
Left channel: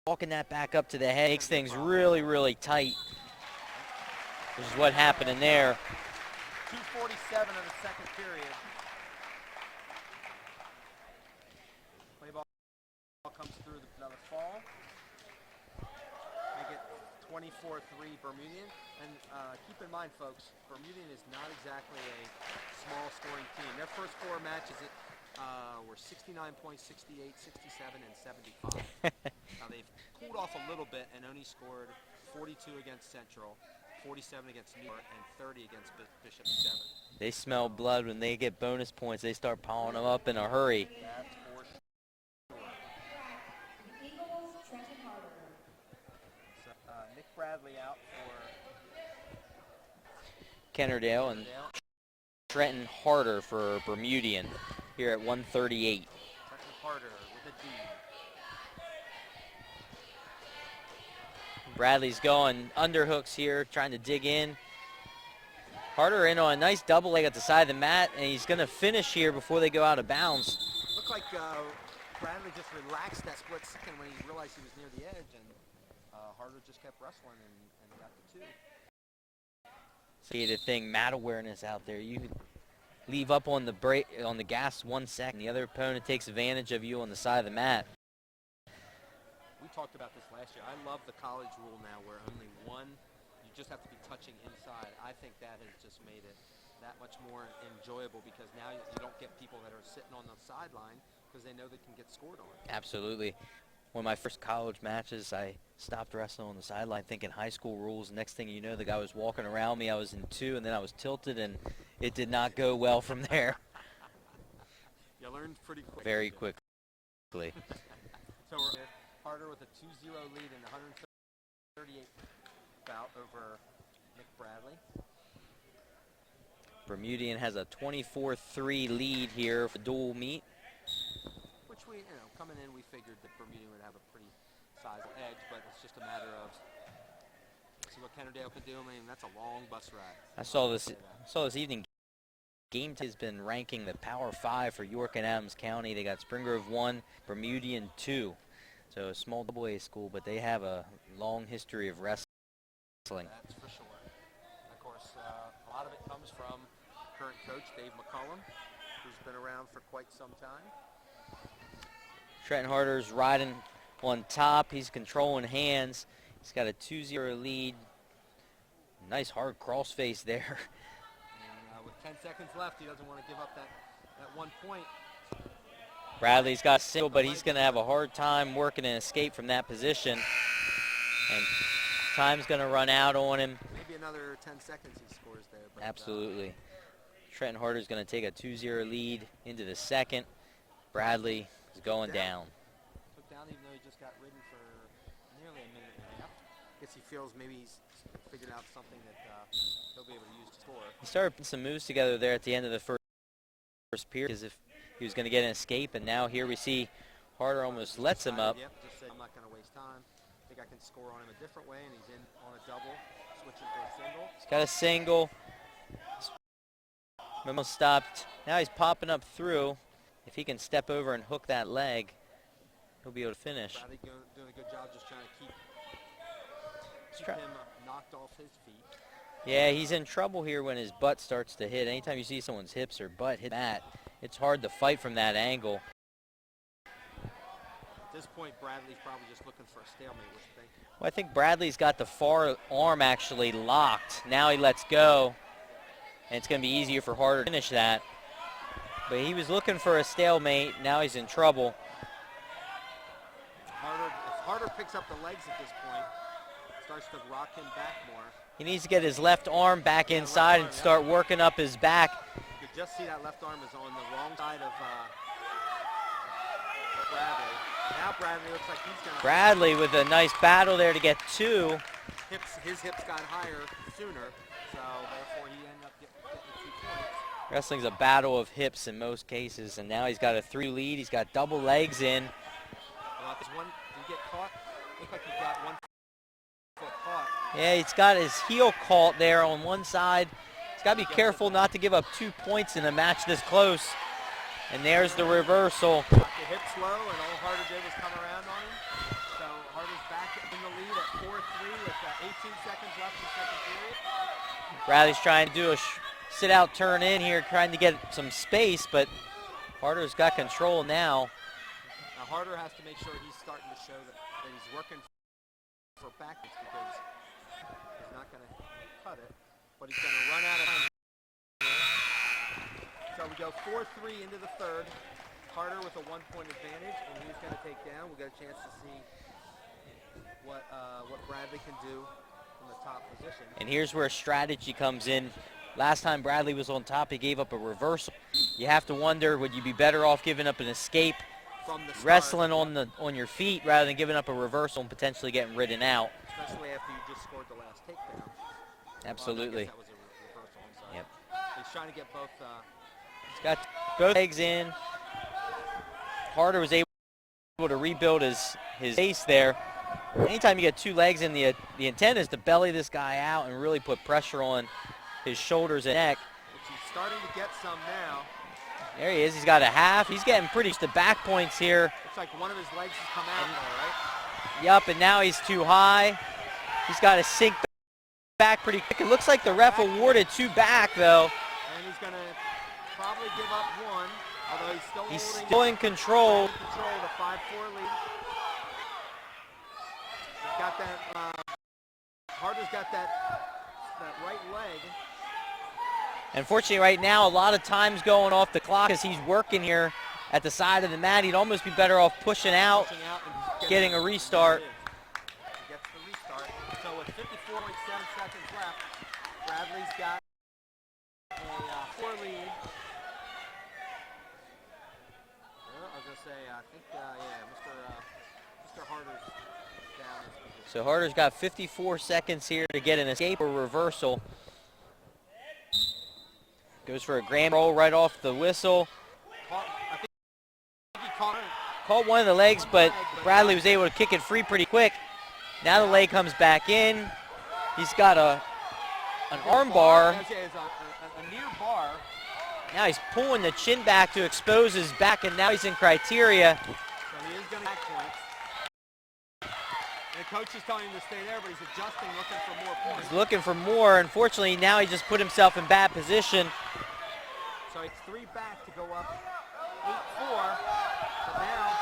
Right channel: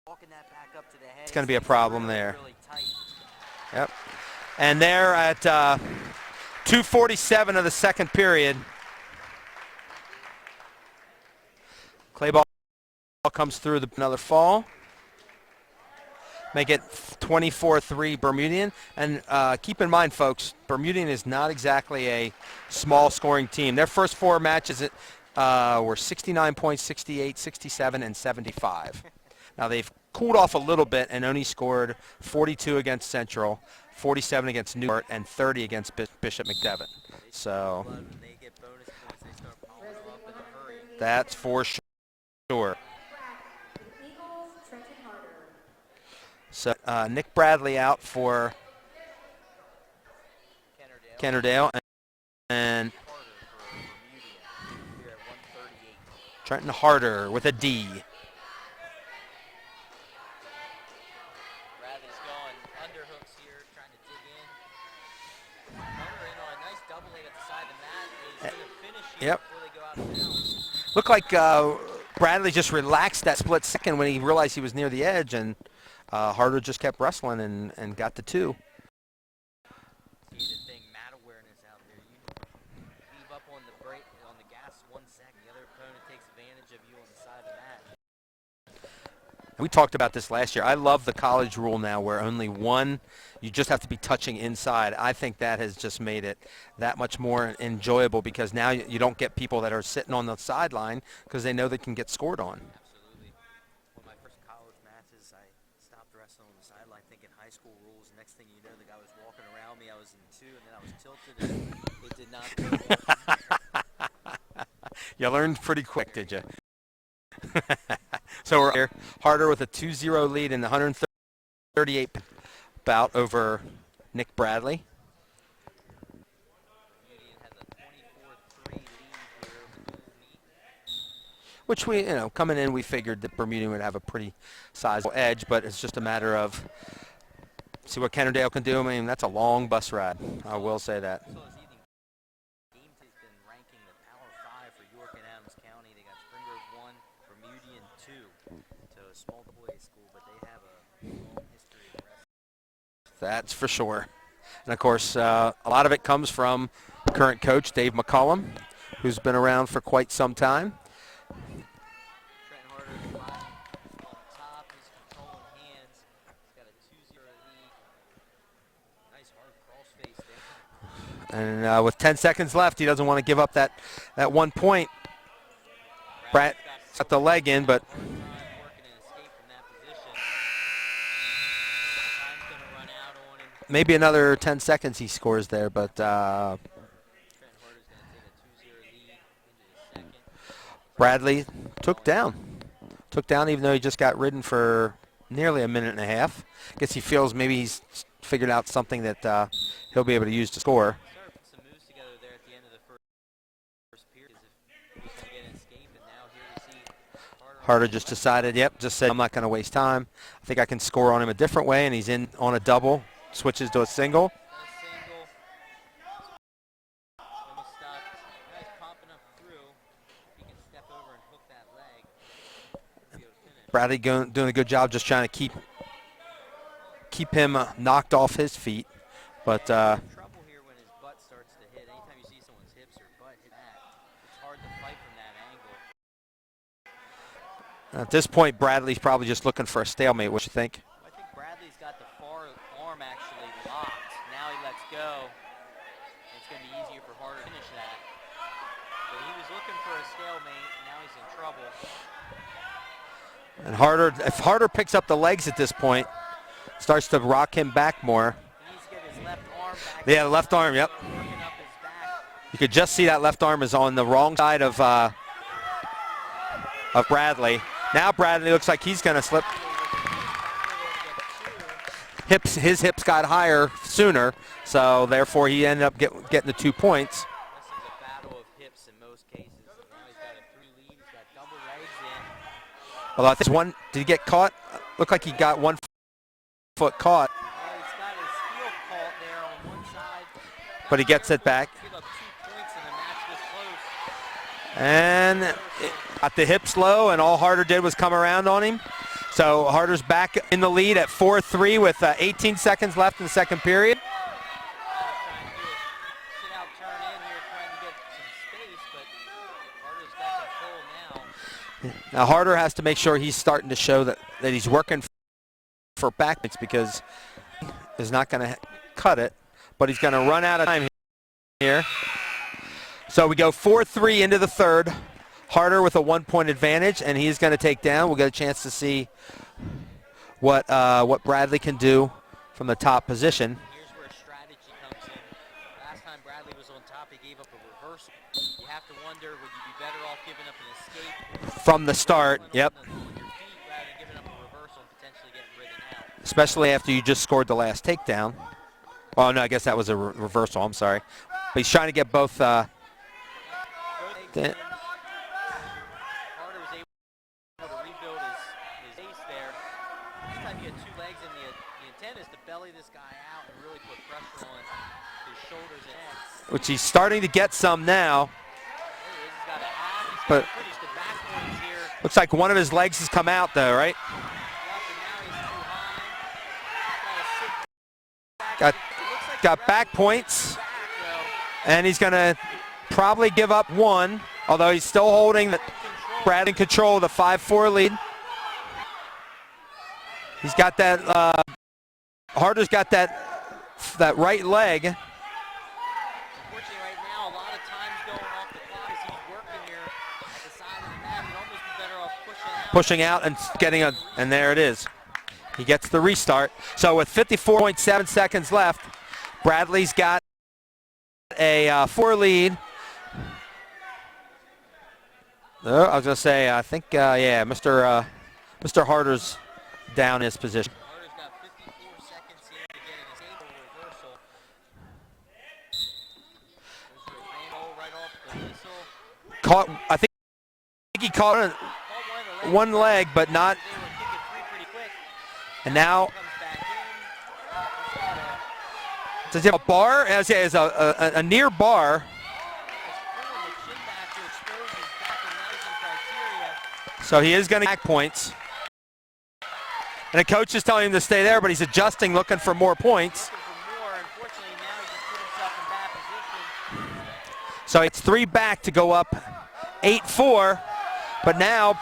walking that back up to the head. It's going to be a problem really, there. really tight. Yep. And there at 2:47 of the second period, Clayball comes through another fall. make it 24-3 Bermudian. And keep in mind, folks, Bermudian is not exactly a small scoring team. Their first 4 matches were 69 points, 68, 67, and 75. Now they've cooled off a little bit and only scored 42 against Central, 47 against Newport, and 30 against Bishop McDevitt. They smell blood when they get bonus points. They start piling them up in a hurry. That's for sure. So Nick Bradley out for Kennard-Dale. Kennard-Dale. And Harder for Bermudian here at 138. Trenton Harder with a D. Bradley's going underhooks here, trying to dig in. Harder in on a nice double leg at the side of the mat, and he's going to finish here before they go out of bounds. Looked like Bradley just relaxed that split second when he realized he was near the edge, and Harder just kept wrestling and got the 2. See the thing, mat awareness out there. You leave up on the brake, on the gas 1 second. The other opponent takes advantage of you on the side of the mat. We talked about this last year. I love the college rule now where only one, you just have to be touching inside. I think that has just made it that much more enjoyable because now you don't get people that are sitting on the sideline because they know they can get scored on. Absolutely. One of my first college matches, I stopped wrestling on the sideline thinking high school rules. Next thing you know, the guy was walking around me. I was in 2, and then I was tilted, and it did not go well from there. You learned pretty quick, Very did you? quickly. So we're here. Harder with a 2-0 lead in the 138 bout over Nick Bradley. Bermudian has a 24-3 lead here for dual meet. Which we, coming in, we figured that Bermudian would have a pretty sizable edge, but it's just a matter of see what Kennard-Dale can do. I mean, that's a long bus ride. I will say that. So this evening, Game has been ranking the Power 5 for York and Adams County. They got Spring Grove 1, Bermudian 2. So a small AA school, but they have a long history of wrestling. That's for sure. And, of course, a lot of it comes from current coach Dave McCullum, who's been around for quite some time. Trenton Harder's riding on top. He's controlling hands. He's got a 2-0 lead. Nice hard crossface there. And with 10 seconds left, he doesn't want to give up that 1 point. Bradley's got single, the but leg he's in, gonna have but a hard time working an escape from that position. And time's going to run out on him. Maybe another 10 seconds he scores there, but Trenton Harder's going to take a 2-0 lead into the second. Bradley took going down. Took down even though he just got ridden for nearly a minute and a half. I guess he feels maybe he's figured out something that he'll be able to use to score. He started putting some moves together there at the end of the first period as if he was going to get an escape, and now here we see Harder just decided, just said, I'm not going to waste time. I think I can score on him a different way, and he's in on a double, switches to a single. He's got a single. Almost stopped. Now he's popping up through. If he can step over and hook that leg, he'll be able to finish. Bradley doing a good job just trying to keep him knocked off his feet. But yeah, he's in trouble here when his butt starts to hit. Anytime you see someone's hips or butt hit that, it's hard to fight from that angle. At this point, Bradley's probably just looking for a stalemate. What do you think? Well, I think Bradley's got the far arm actually locked. Now he lets go, and it's going to be easier for Harder to finish that. But he was looking for a stalemate. Now he's in trouble. And if Harder picks up the legs at this point, starts to rock him back more. He needs to get his left arm back inside left arm, and start working up his back. You could just see that left arm is on the wrong side of Bradley. Now Bradley looks like he's going to slip. Bradley with a nice battle there to get 2. His hips got higher sooner, so therefore he ended up getting the 2 points. Wrestling's a battle of hips in most cases, and now he's got a 3 lead. He's got double legs in. Well, I think did he get caught? Looked like he got 1 foot caught. Yeah, he's got his heel caught there on one side. He's got But to he be gets careful it back. not to give up 2 points in a match this close. And there's the reversal. Got the hips low, and all Harder did was come around on him. So Harder's back in the lead at 4-3 with 18 seconds left in the second period. Bradley's trying to do a sit-out turn in here, trying to get some space, but Harder's got control now. Now Harder has to make sure he's starting to show that he's working for backpoints because he's not going to cut it, but he's going to run out of time here. So we go 4-3 into the third. Harder with a 1-point advantage, and he's going to take down. We'll get a chance to see what Bradley can do from the top position. And here's where strategy comes in. Last time Bradley was on top, he gave up a reversal. You have to wonder, would you be better off giving up an escape from the start, wrestling on your feet rather than giving up a reversal and potentially getting ridden out? Especially after you just scored the last takedown. Absolutely. Oh, no, I guess that was a reversal. I'm sorry. But he's trying to get both. He's got both legs in. Harder was able to rebuild his base there. Anytime you get two legs in, the intent is to belly this guy out and really put pressure on his shoulders and neck. Which he's starting to get some now. There he is. He's got a half. He's getting pretty to back points here. Looks like one of his legs has come out though, right? Yup, and now he's too high. He's got to sink back pretty quick. It looks like the ref awarded two back though. And he's going to probably give up one, although he's still holding in control. Brad in control of the 5-4 lead. He's got that, Harder's got that right leg. Unfortunately, right now, a lot of time's going off the clock as he's working here at the side of the mat. He'd almost be better off pushing out. Pushing out and getting a restart. And there it is. He gets the restart. So with 54.7 seconds left, Bradley's got a 4 lead. I was going to say, I think, yeah, Mr. Harder's down his position. So Harder's got 54 seconds here to get an escape or reversal. Goes for a grand roll right off the whistle. I think he caught one of the legs. But Bradley was able to kick it free pretty quick. Now the leg comes back in. He's got a Does he have a bar? Has a near bar. Now he's pulling the chin back to expose his back, and now he's in criteria. So he is going to back points. And the coach is telling him to stay there, but he's adjusting, looking for more points. He's looking for more. Unfortunately, now he just put himself in bad position. So it's 3 back to go up 8-4. But now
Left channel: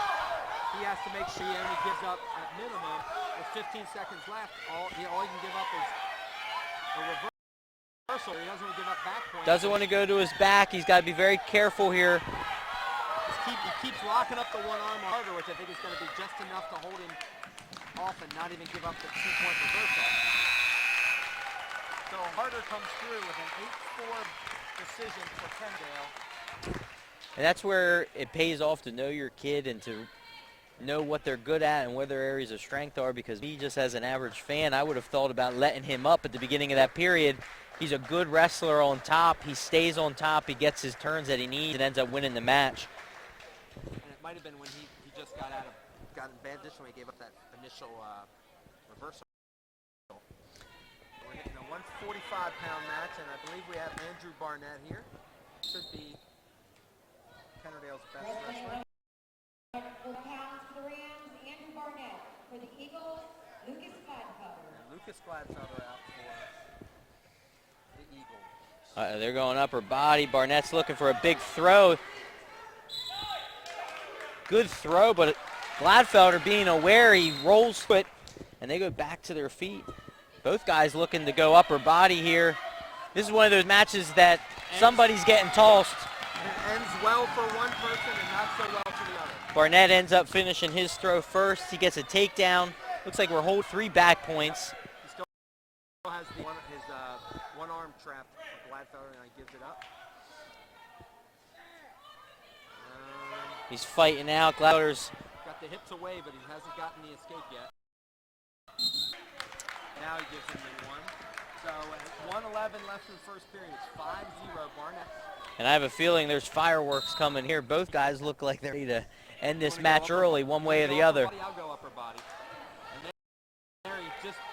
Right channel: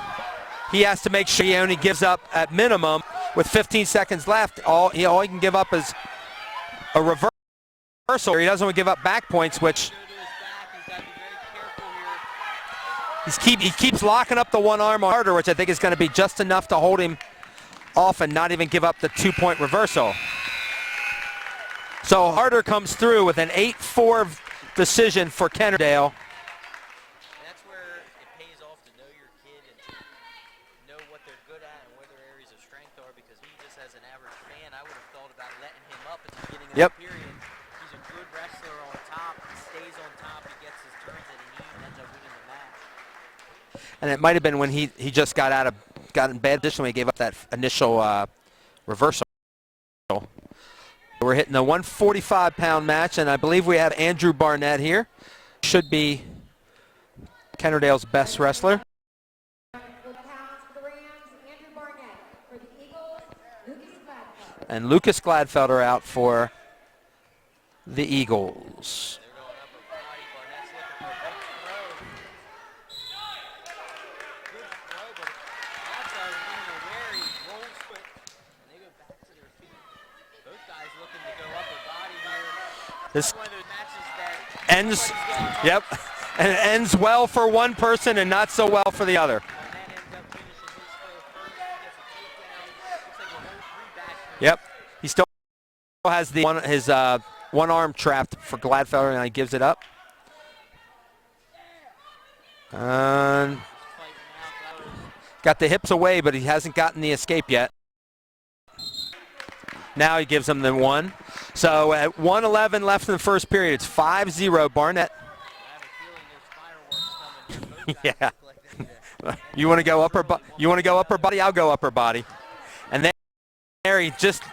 he has to make sure he only gives up at minimum with 15 seconds left. All he can give up is a reversal. He doesn't want to give up back points. Doesn't want to go to his back. He's got to be very careful here. He keeps locking up the one arm harder, which I think is going to be just enough to hold him off and not even give up the 2-point reversal. So Harder comes through with an 8-4 decision for Kennard-Dale. And that's where it pays off to know your kid and to know what they're good at and where their areas of strength are, because he just as an average fan, I would have thought about letting him up at the beginning of that period. He's a good wrestler on top. He stays on top. He gets his turns that he needs and ends up winning the match. And it might have been when he just got in bad position when he gave up that initial reversal. We're hitting a 145-pound match, and I believe we have Andrew Barnett here. Should be Kennard-Dale's best wrestler. And Lucas Gladfelder out for the Eagles. They're going upper body. Barnett's looking for a big throw. Good throw, but Gladfelder being aware, he rolls it, and they go back to their feet. Both guys looking to go upper body here. This is one of those matches that somebody's getting tossed. Yep. And it ends well for one person and not so well for the other. Barnett ends up finishing his throw first. He gets a takedown. Looks like we're holding 3 back points. Yep. He still has his one arm trapped for Gladfelder, and he gives it up. He's fighting out. Gladfelder's got the hips away, but he hasn't gotten the escape yet. Now he gives him the 1. So at 1:11 left in the first period, it's 5-0 Barnett. And I have a feeling there's fireworks coming here. Both guys look like they're ready to end you want to go upper early, You want to go upper body? I'll go upper body. And there he just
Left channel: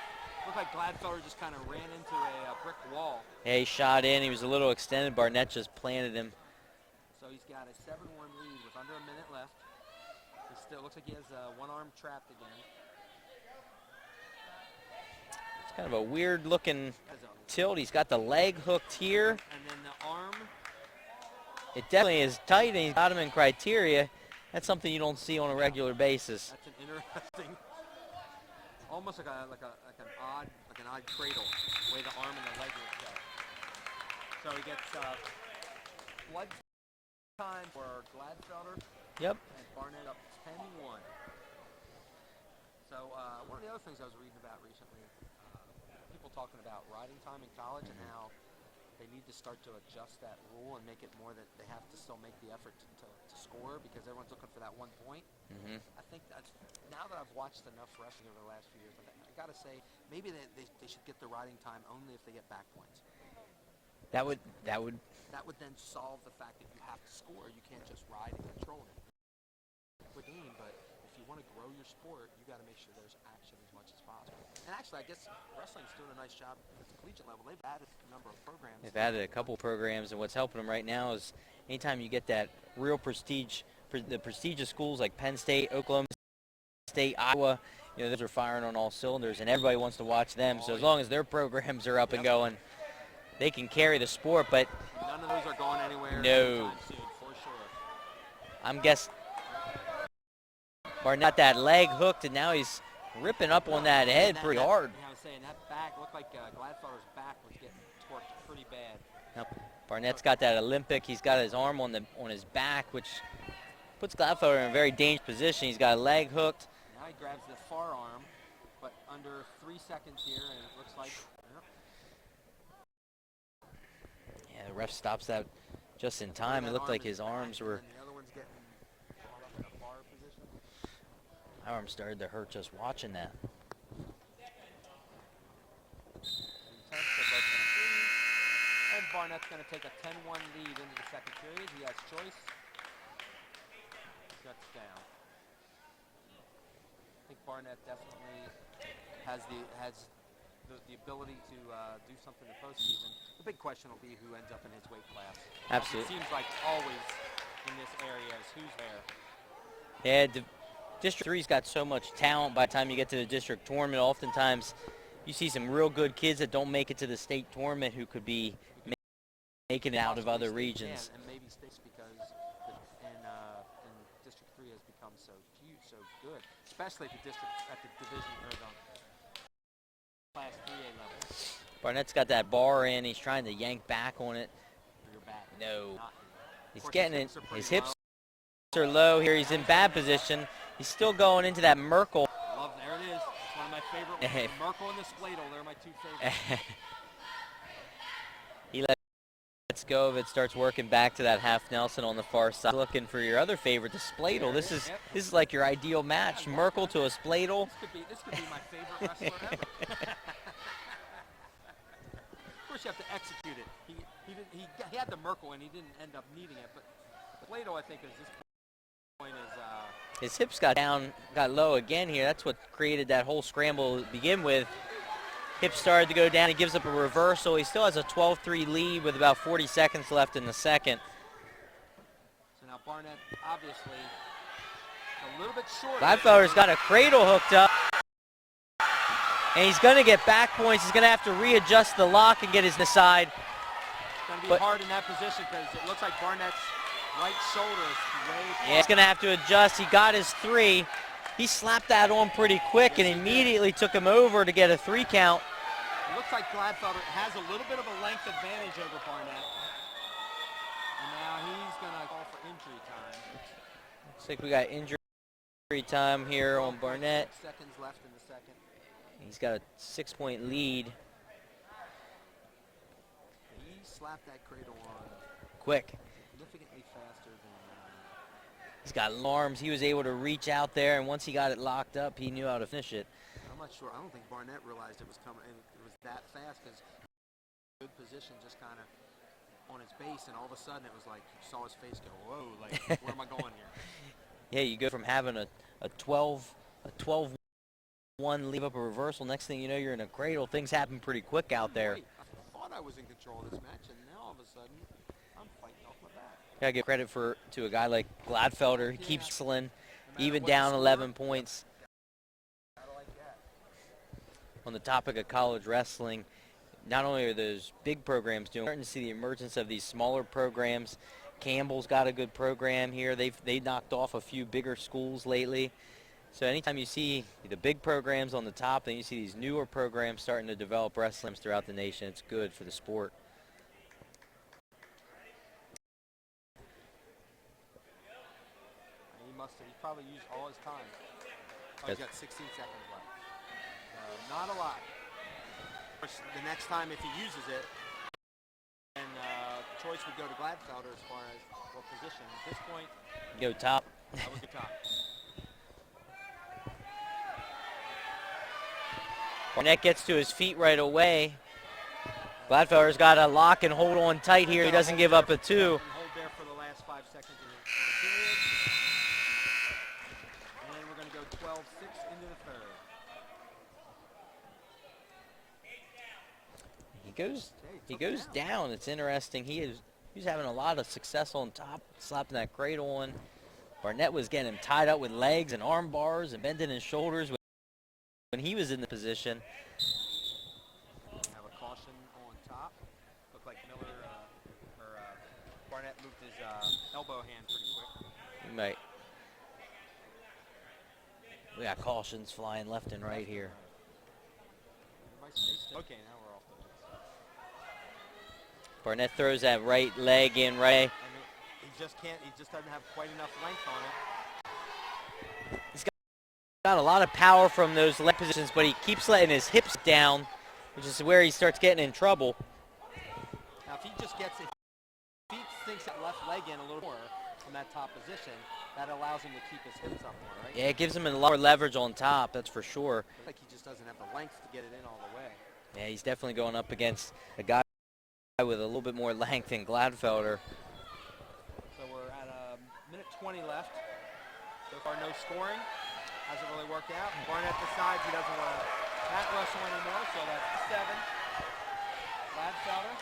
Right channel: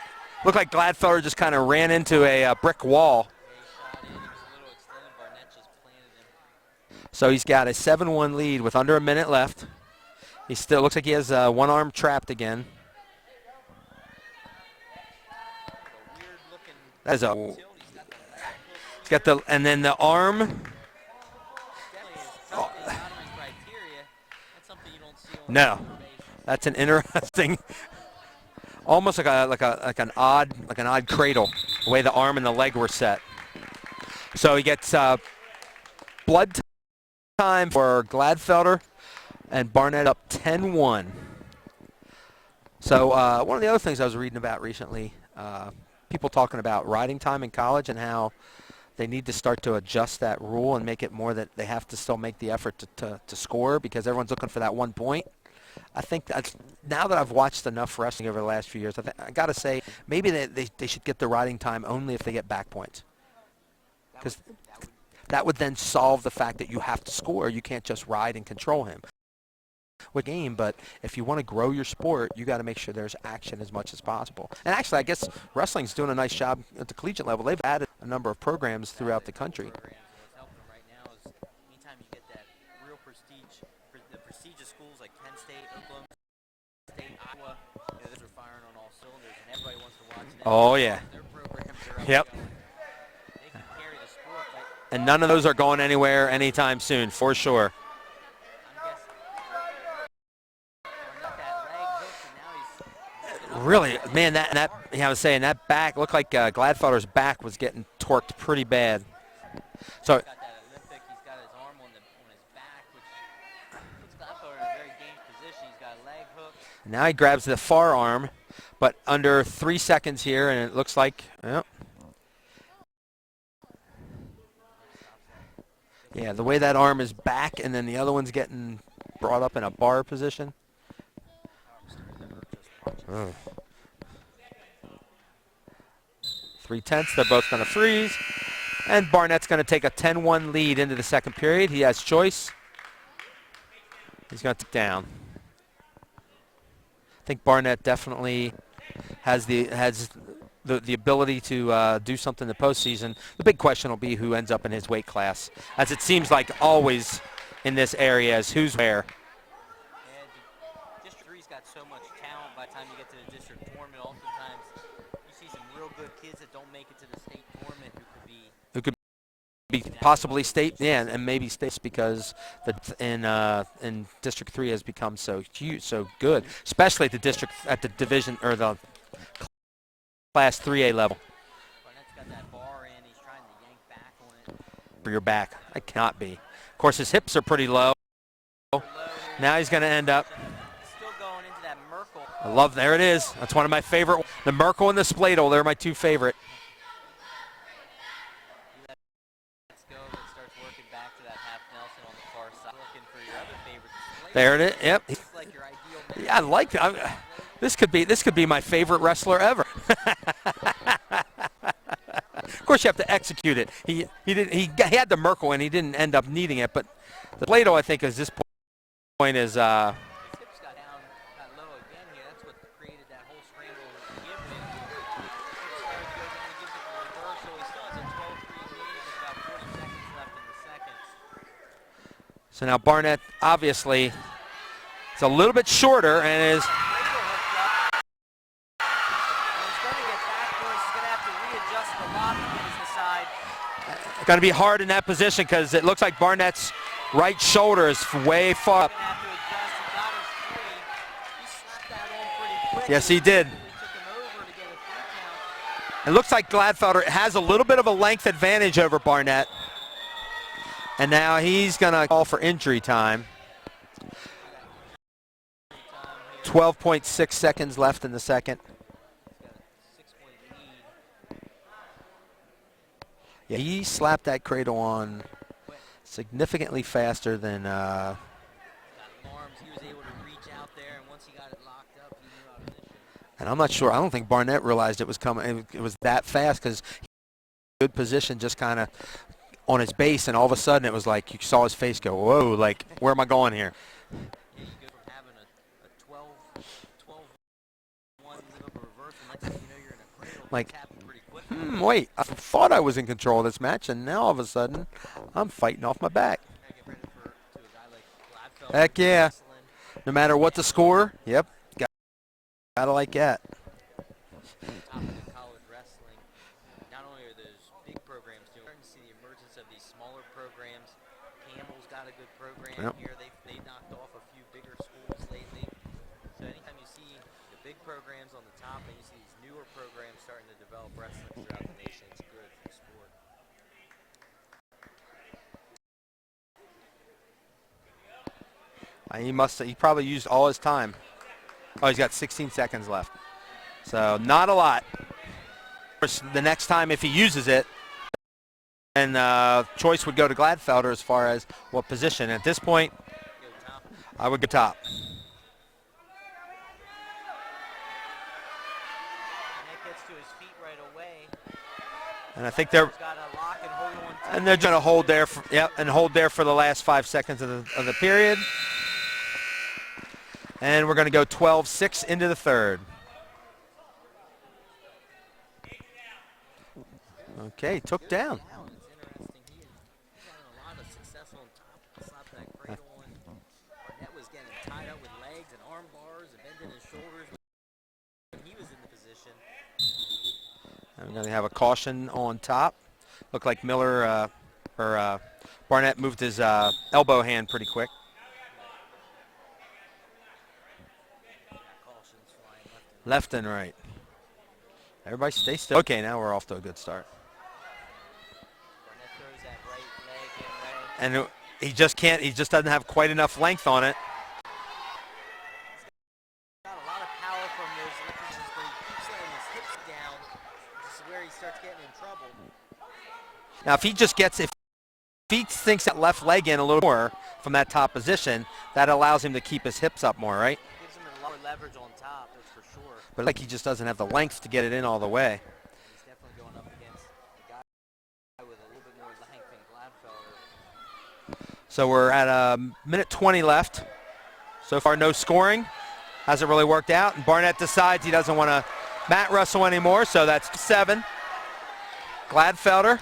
looked like Gladfelder just kind of ran into a brick wall. Yeah, he shot in. He was a little extended. Barnett just planted him. So he's got a 7-1 lead with under a minute left. He still looks like he has one arm trapped again. Kind of a weird looking a tilt. He's got the leg hooked here. He's got and then the arm. It definitely is tight, and he's got him in criteria. That's something you don't see on a regular basis. That's an interesting almost like an odd cradle, the way the arm and the leg were set. So he gets blood time for Gladfelder. Yep. And Barnett up 10-1. So one of the other things I was reading about recently, people talking about riding time in college and how they need to start to adjust that rule and make it more that they have to still make the effort to score because everyone's looking for that 1 point. I think that's, now that I've watched enough wrestling over the last few years, I got to say maybe they should get the riding time only if they get back points. That would then solve the fact that you have to score. You can't just ride and control him. With game, but if you want to grow your sport, you got to make sure there's action as much as possible. And actually, I guess wrestling's doing a nice job at the collegiate level. They've added a number of programs throughout the country. Programs, and what's helping them right now is anytime you get that real prestige, the prestigious schools like Penn State, Oklahoma State, Iowa, those are firing on all cylinders, and everybody wants to watch them. Oh, so as yeah. long as their programs are up and going, they can carry the sport. But and none of those are going anywhere anytime soon, for sure. I'm guessing Barnett that leg hooked, and now he's ripping up really, on that man, head pretty hard. Yeah, I was saying that back looked like Gladfelder's back was getting torqued pretty bad. Barnett's got that Olympic. He's got his arm on his back, which puts Gladfelder in a very dangerous position. He's got a leg hooked. Now he grabs the far arm, but under 3 seconds here, and it looks like, Yeah, the ref stops that just in the time. way that Looks arm like is his back, arms and then the other one's getting brought up in a bar position. arm started to hurt just watching. 3/10, they're both going to freeze. And Barnett's going to take a 10-1 lead into the second period. He has choice. He's going to take down. I think Barnett definitely has the ability to do something in the postseason. The big question will be who ends up in his weight class, as it seems like always in this area is who's where. Yeah, District 3's got so much talent by the time you get to the district tournament. Oftentimes you see some real good kids that don't make it to the state tournament who could be possibly state, and maybe states because in District 3 has become so huge, so good, especially at the division or the Class 3A level. Barnett's got that bar in. He's trying to yank back on it. For your back, No. it cannot be. Of course, his hips are pretty low. Are low here. Now he's going to end up. He's still going into that Merkel. There it is. That's one of my favorite. The Merkel and the Spladle, they're my two favorite. He lets go of it, starts working back to that half Nelson on the far side. Looking for your other favorite, the Spladle. There it is. Yep. This is like your ideal match. Yeah, I like Merkel it. to a Spladle. This could be my favorite wrestler ever. Of course, you have to execute it. He had the Merkel and he didn't end up needing it, but the Spladle, I think, is this point is his hips got low again here. That's what created that whole scramble to begin with. Hips started to go down. He gives up a reversal. He still has a 12-3 lead with about 40 seconds left in the second. So now Barnett, obviously, it's a little bit shorter. He's got a cradle hooked up. And he's going to get back points. He's going to have to readjust the lock and get his side. Going to be hard in that position because it looks like Barnett's right shoulder is way far. He's going to have to adjust. He got his 3. He slapped that on pretty quick, yes, and he immediately took him over to get a 3 count. It looks like Gladfelder has a little bit of a length advantage over Barnett. And now he's going to call for injury time. I think we got injury time here. 12.6 seconds left in the second. He's got a 6-point lead. Yeah, he slapped that cradle on quick, significantly faster than. He's got arms. He was able to reach out there, and once he got it locked up, he knew how to finish it. And I'm not sure. I don't think Barnett realized it was coming. It was that fast because good position, just kind of on his base, and all of a sudden it was like you saw his face go, "Whoa! Like where am I going here?" Yeah, you go from having a 12-1 leave up a reversal. Next thing you know, you're in a cradle. Things happen pretty quick out there. Wait, I thought I was in control of this match, and now all of a sudden, I'm fighting off my back. Gotta give credit to a guy like Gladfelder. Heck yeah! No matter what the score, yep, gotta like that. The topic of college wrestling, not only are those big programs doing, we're starting to see the emergence of these smaller programs. Campbell's got a good program here. They knocked off a few bigger schools lately. So anytime you see the big programs on the top, then you see these newer programs starting to develop wrestling throughout the nation. It's good for the sport. He probably used all his time. Oh, he's got 16 seconds left. So not a lot. Of course, the next time if he uses it, and choice would go to Gladfelder as far as what position. At this point, go top. I would go top. Barnett gets to his feet right away. And Gladfelder's got to lock and hold on tight here. He doesn't give up a two. Yep, and hold there for the last 5 seconds of the period. And we're going to go 12-6 into the third. He goes, took he goes down. It's interesting. He's having a lot of success on top, slapping that cradle on. Barnett was getting him tied up with legs and arm bars and bending his shoulders when he was in the position. I'm going to have a caution on top. Looked like Barnett moved his elbow hand pretty quick. Right. We got cautions flying left and right. Left and right. Everybody stay still. Okay, now we're off to a good start. Barnett throws that right leg in right. And he just doesn't have quite enough length on it. He's got a lot of power from those leg positions, but he keeps letting his hips down, which is where he starts getting in trouble. Now, if he sinks that left leg in a little more from that top position, that allows him to keep his hips up more, right? Yeah, it gives him a lot more leverage on top, that's for sure. But like he just doesn't have the length to get it in all the way. Yeah, he's definitely going up against a guy with a little bit more length than Gladfelder. So we're at a minute 20 left. So far, no scoring. Hasn't really worked out. And Barnett decides he doesn't want to mat wrestle anymore, so that's 7. Gladfelder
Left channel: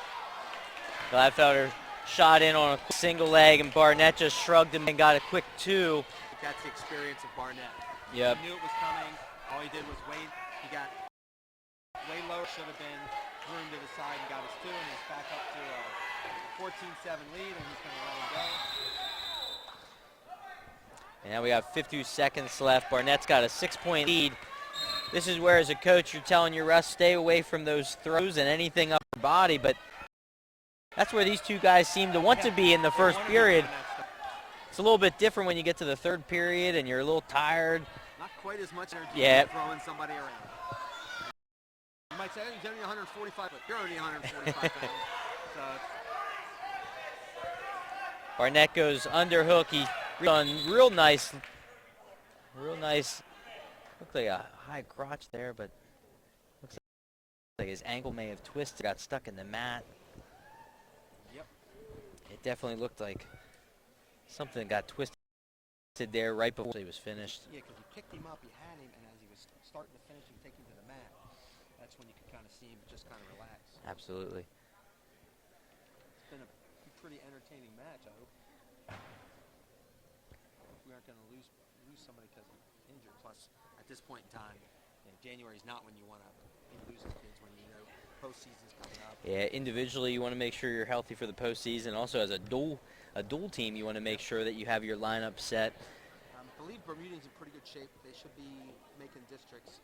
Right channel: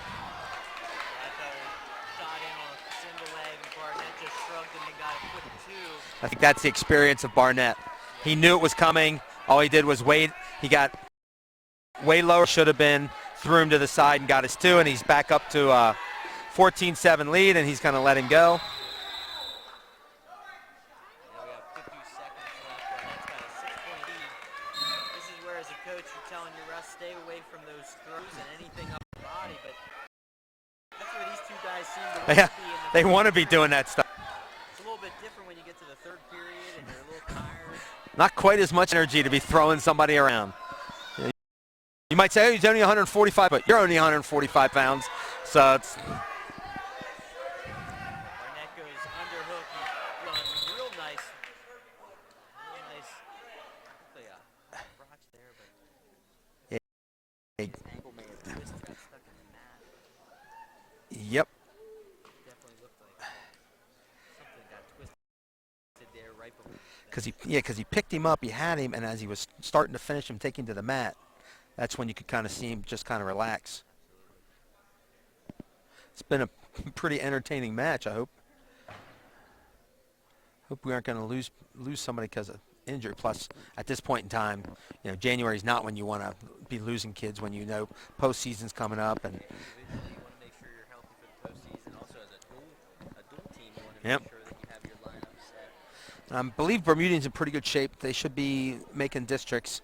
shot in on a single leg, and Barnett just shrugged him and got a quick 2. I think that's the experience of Barnett. Yep. He knew it was coming. All he did was wait. He got way lower, should have been, threw him to the side and got his 2, and he's back up to a 14-7 lead, and he's going to let him go. Now we have 52 seconds left. Barnett's got a 6-point lead. This is where, as a coach, you're telling your refs stay away from those throws and anything up your body, but that's where these two guys seem to want to be in the first period. They want to be doing that stuff. It's a little bit different when you get to the third period and you're a little tired. Not quite as much energy to be throwing somebody around. You might say, oh, he's only 145, but you're only 145 pounds. So it's... Barnett goes underhook. He done real nice. Looked like a high crotch there, but like his ankle may have twisted, got stuck in the mat. Yep. It definitely looked like something got twisted there right before he was finished. Because he picked him up, he had him, and as he was starting to finish him, take him to the mat, that's when you could kind of see him just kind of relax. Absolutely. It's been a pretty entertaining match, I hope. Hope we aren't going to lose somebody because of injury. Plus, at this point in time, January's not when you want to be losing kids, when postseason's coming up. And yeah, individually you want to make sure you're healthy for the postseason. Also, as a dual team, you want to make sure that you have your lineup set. I believe Bermudian's in pretty good shape. They should be making districts.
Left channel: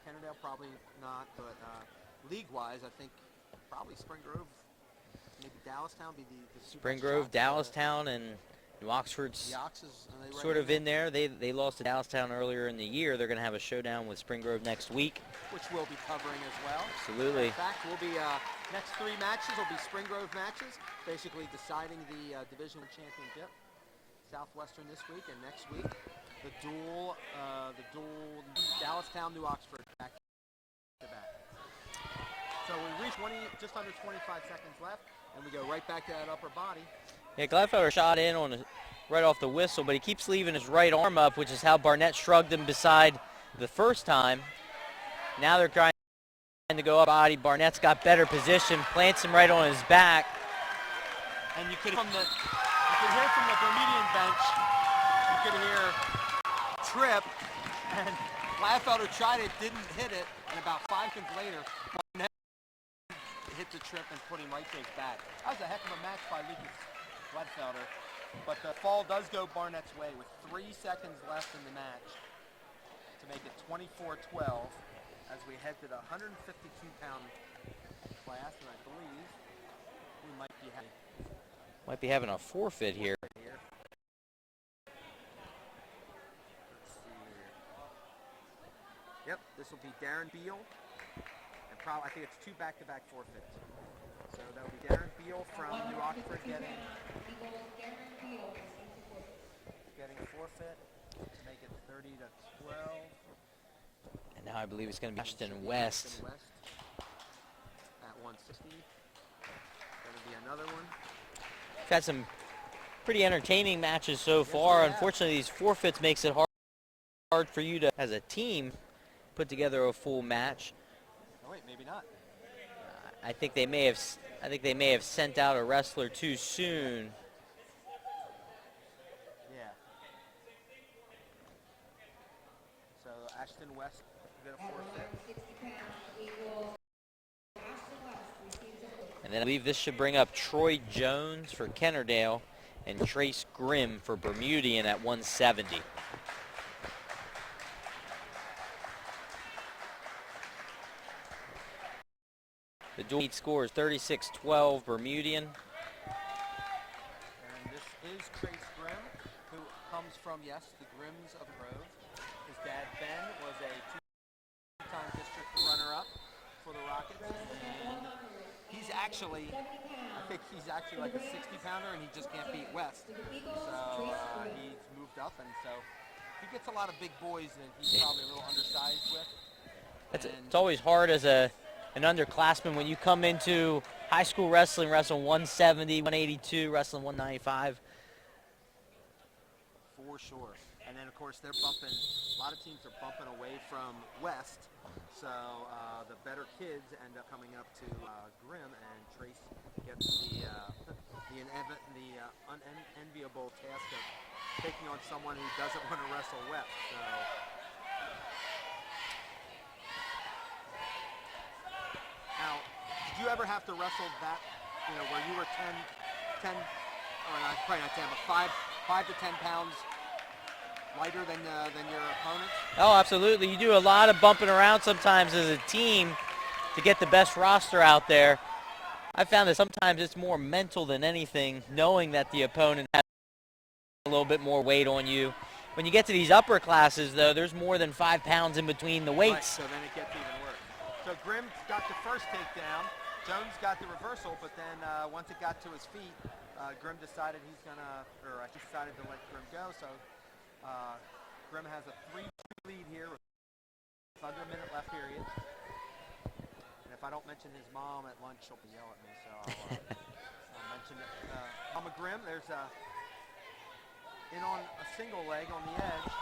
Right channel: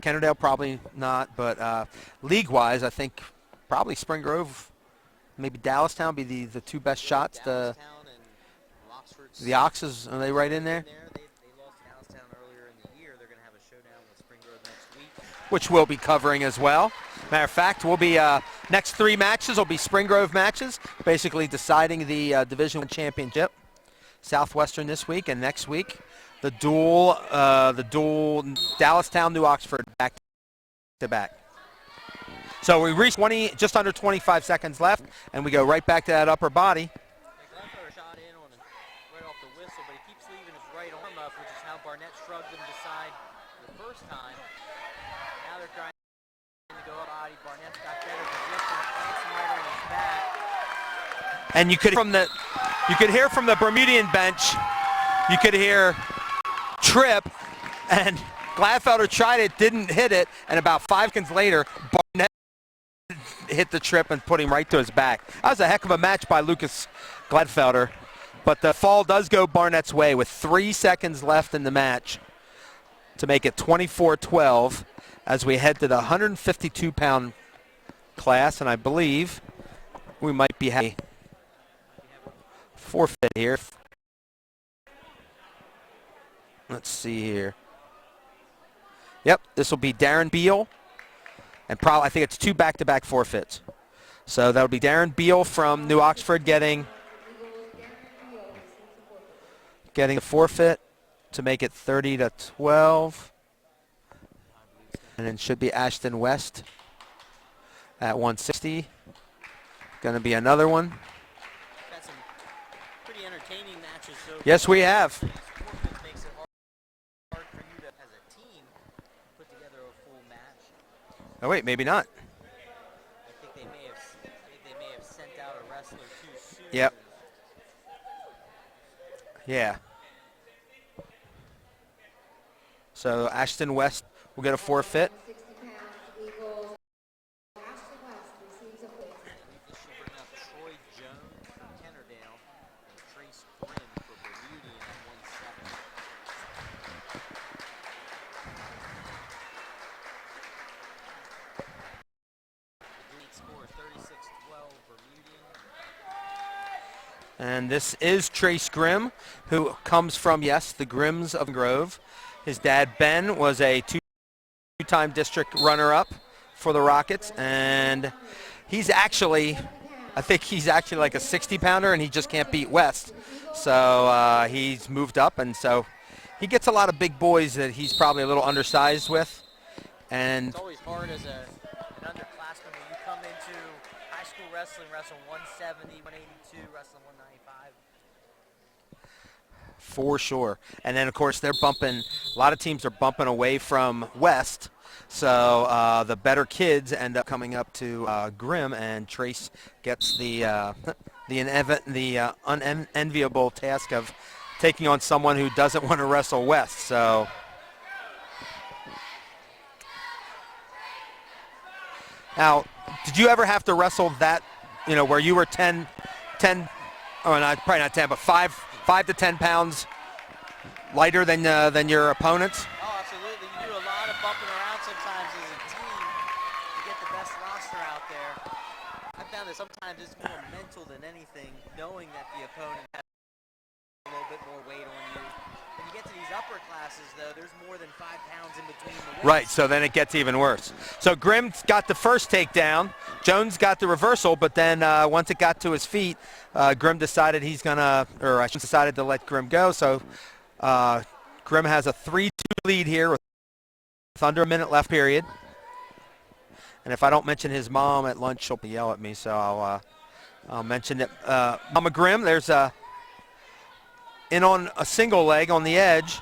Kennard-Dale probably not, but league-wise, I think probably Spring Grove, maybe Dallastown be the two best shots. Dallastown and New Oxford's. The Oxes, are they right in there? They lost to Dallastown earlier in the year. They're going to have a showdown with Spring Grove next week, which we'll be covering as well. Absolutely. Matter of fact, we'll be next 3 matches will be Spring Grove matches, basically deciding the Division I championship. Southwestern this week, and next week the dual Dallastown, New Oxford back to back. So we reach just under 25 seconds left, and we go right back to that upper body. Yeah, Gladfelder shot in right off the whistle, but he keeps leaving his right arm up, which is how Barnett shrugged him beside the first time. Now they're trying to go up body. Barnett's got better position, plants him right on his back. And you could hear from the Bermudian bench, you could hear trip, and Gladfelder tried it, didn't hit it, and about 5 seconds later, Barnett hit the trip and put him right to his back. That was a heck of a match by Lucas Gladfelder, but the fall does go Barnett's way with 3 seconds left in the match. to make it 24-12 as we head to the 152-pound class, and I believe we might be having a forfeit here. Let's see here. Yep, this will be Darren Beal, and probably I think it's 2 back-to-back forfeits. So that'll be Darren Beal from New Oxford getting the forfeit to make it 30-12. And now I believe it's going to be. And it should be Ashton West at 160. Going to be another one. We've had some pretty entertaining matches so far. Yes, we have. Unfortunately, these forfeits makes it hard for you to, as a team, put together a full match. Oh wait, maybe not. I think they may have sent out a wrestler too soon. Yep. Yeah. So Ashton West will get a forfeit. And then I believe this should bring up Troy Jones for Kennard-Dale and Trace Grimm for Bermudian at 170. The dual meet score is 36-12 Bermudian. And this is Trace Grimm, who comes from, yes, the Grimms of Grove. His dad, Ben, was a two-time district runner-up for the Rockets, and he's actually, I think he's actually like a 60-pounder, and he just can't beat West. So he's moved up, and so he gets a lot of big boys that he's probably a little undersized with. And it's always hard as an underclassman when you come into high school wrestling 170, 182, wrestling 195. For sure. And then, of course, they're bumping, a lot of teams are bumping away from West. So the better kids end up coming up to Grimm, and Trace gets the unenviable task of taking on someone who doesn't want to wrestle West. So now, did you ever have to wrestle that, where you were 10, oh, not, probably not 10, but 5 to 10 pounds lighter than your opponents? Oh, absolutely. You do a lot of bumping around sometimes as a team to get the best roster out there. I found that sometimes it's more mental than anything, knowing that the opponent has a little bit more weight on you. When you get to these upper classes, though, there's more than 5 pounds in between the weights. Right, so then it gets even worse. So Grimm got the first takedown. Jones got the reversal, but then once it got to his feet, Grimm decided decided to let Grimm go. So Grimm has a 3-2 lead here with under a minute left period. And if I don't mention his mom at lunch, she'll yell at me, so I'll mention it. Mama Grimm, there's in on a single leg on the edge.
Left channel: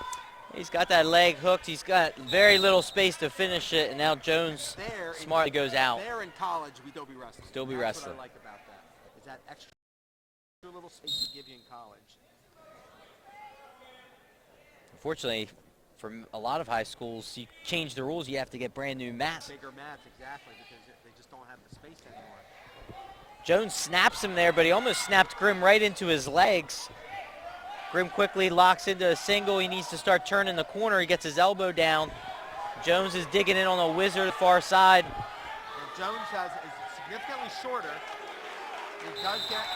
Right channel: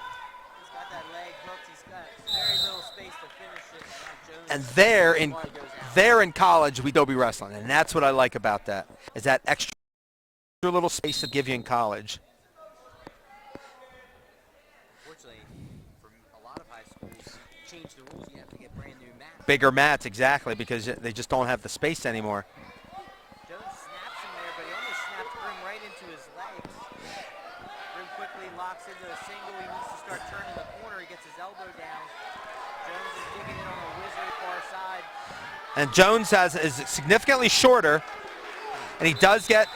He's got that leg hooked. He's got very little space to finish it, and now Jones smartly goes out. There in college, we Dobie wrestling, and that's what I like about that, is that extra little space to give you in college. Unfortunately, for a lot of high schools, you change the rules, you have to get brand new mats. Bigger mats, exactly, because they just don't have the space anymore. Jones snaps him there, but he almost snapped Grimm right into his legs. Grimm quickly locks into a single. He needs to start turning the corner. He gets his elbow down. Jones is digging in on the wizard far side. And Jones is significantly shorter, and he does get,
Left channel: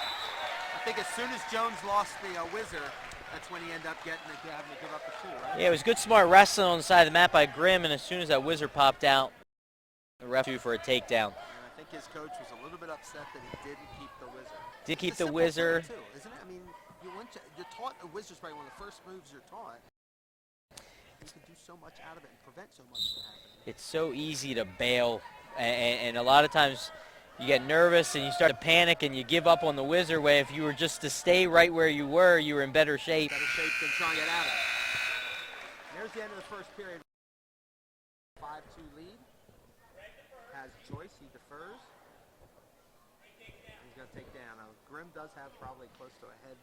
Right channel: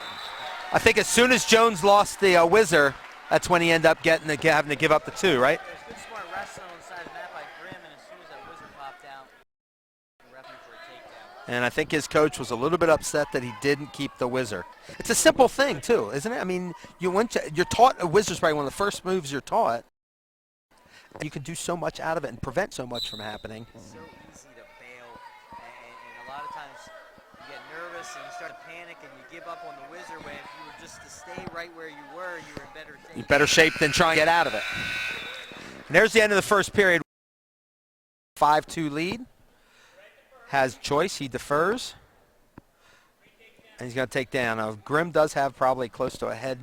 I think as soon as Jones lost the whizzer, that's when he ended up having to give up the 2, right? Yeah, it was good smart wrestling on the side of the mat by Grimm, and as soon as that whizzer popped out, the ref due for a takedown. And I think his coach was a little bit upset that he didn't keep the whizzer. It's a simple thing, too, isn't it? I mean, you're taught a whizzer's probably one of the first moves you're taught. You can do so much out of it and prevent so much from happening. It's so easy to bail, and a lot of times you get nervous and you start to panic and you give up on the whizzer way. If you were just to stay right where you were in better shape. Better shape than trying to get out of it. And there's the end of the first period. 5-2 lead. Has choice, he defers, and he's going to take down. Now, Grimm does have probably close to a head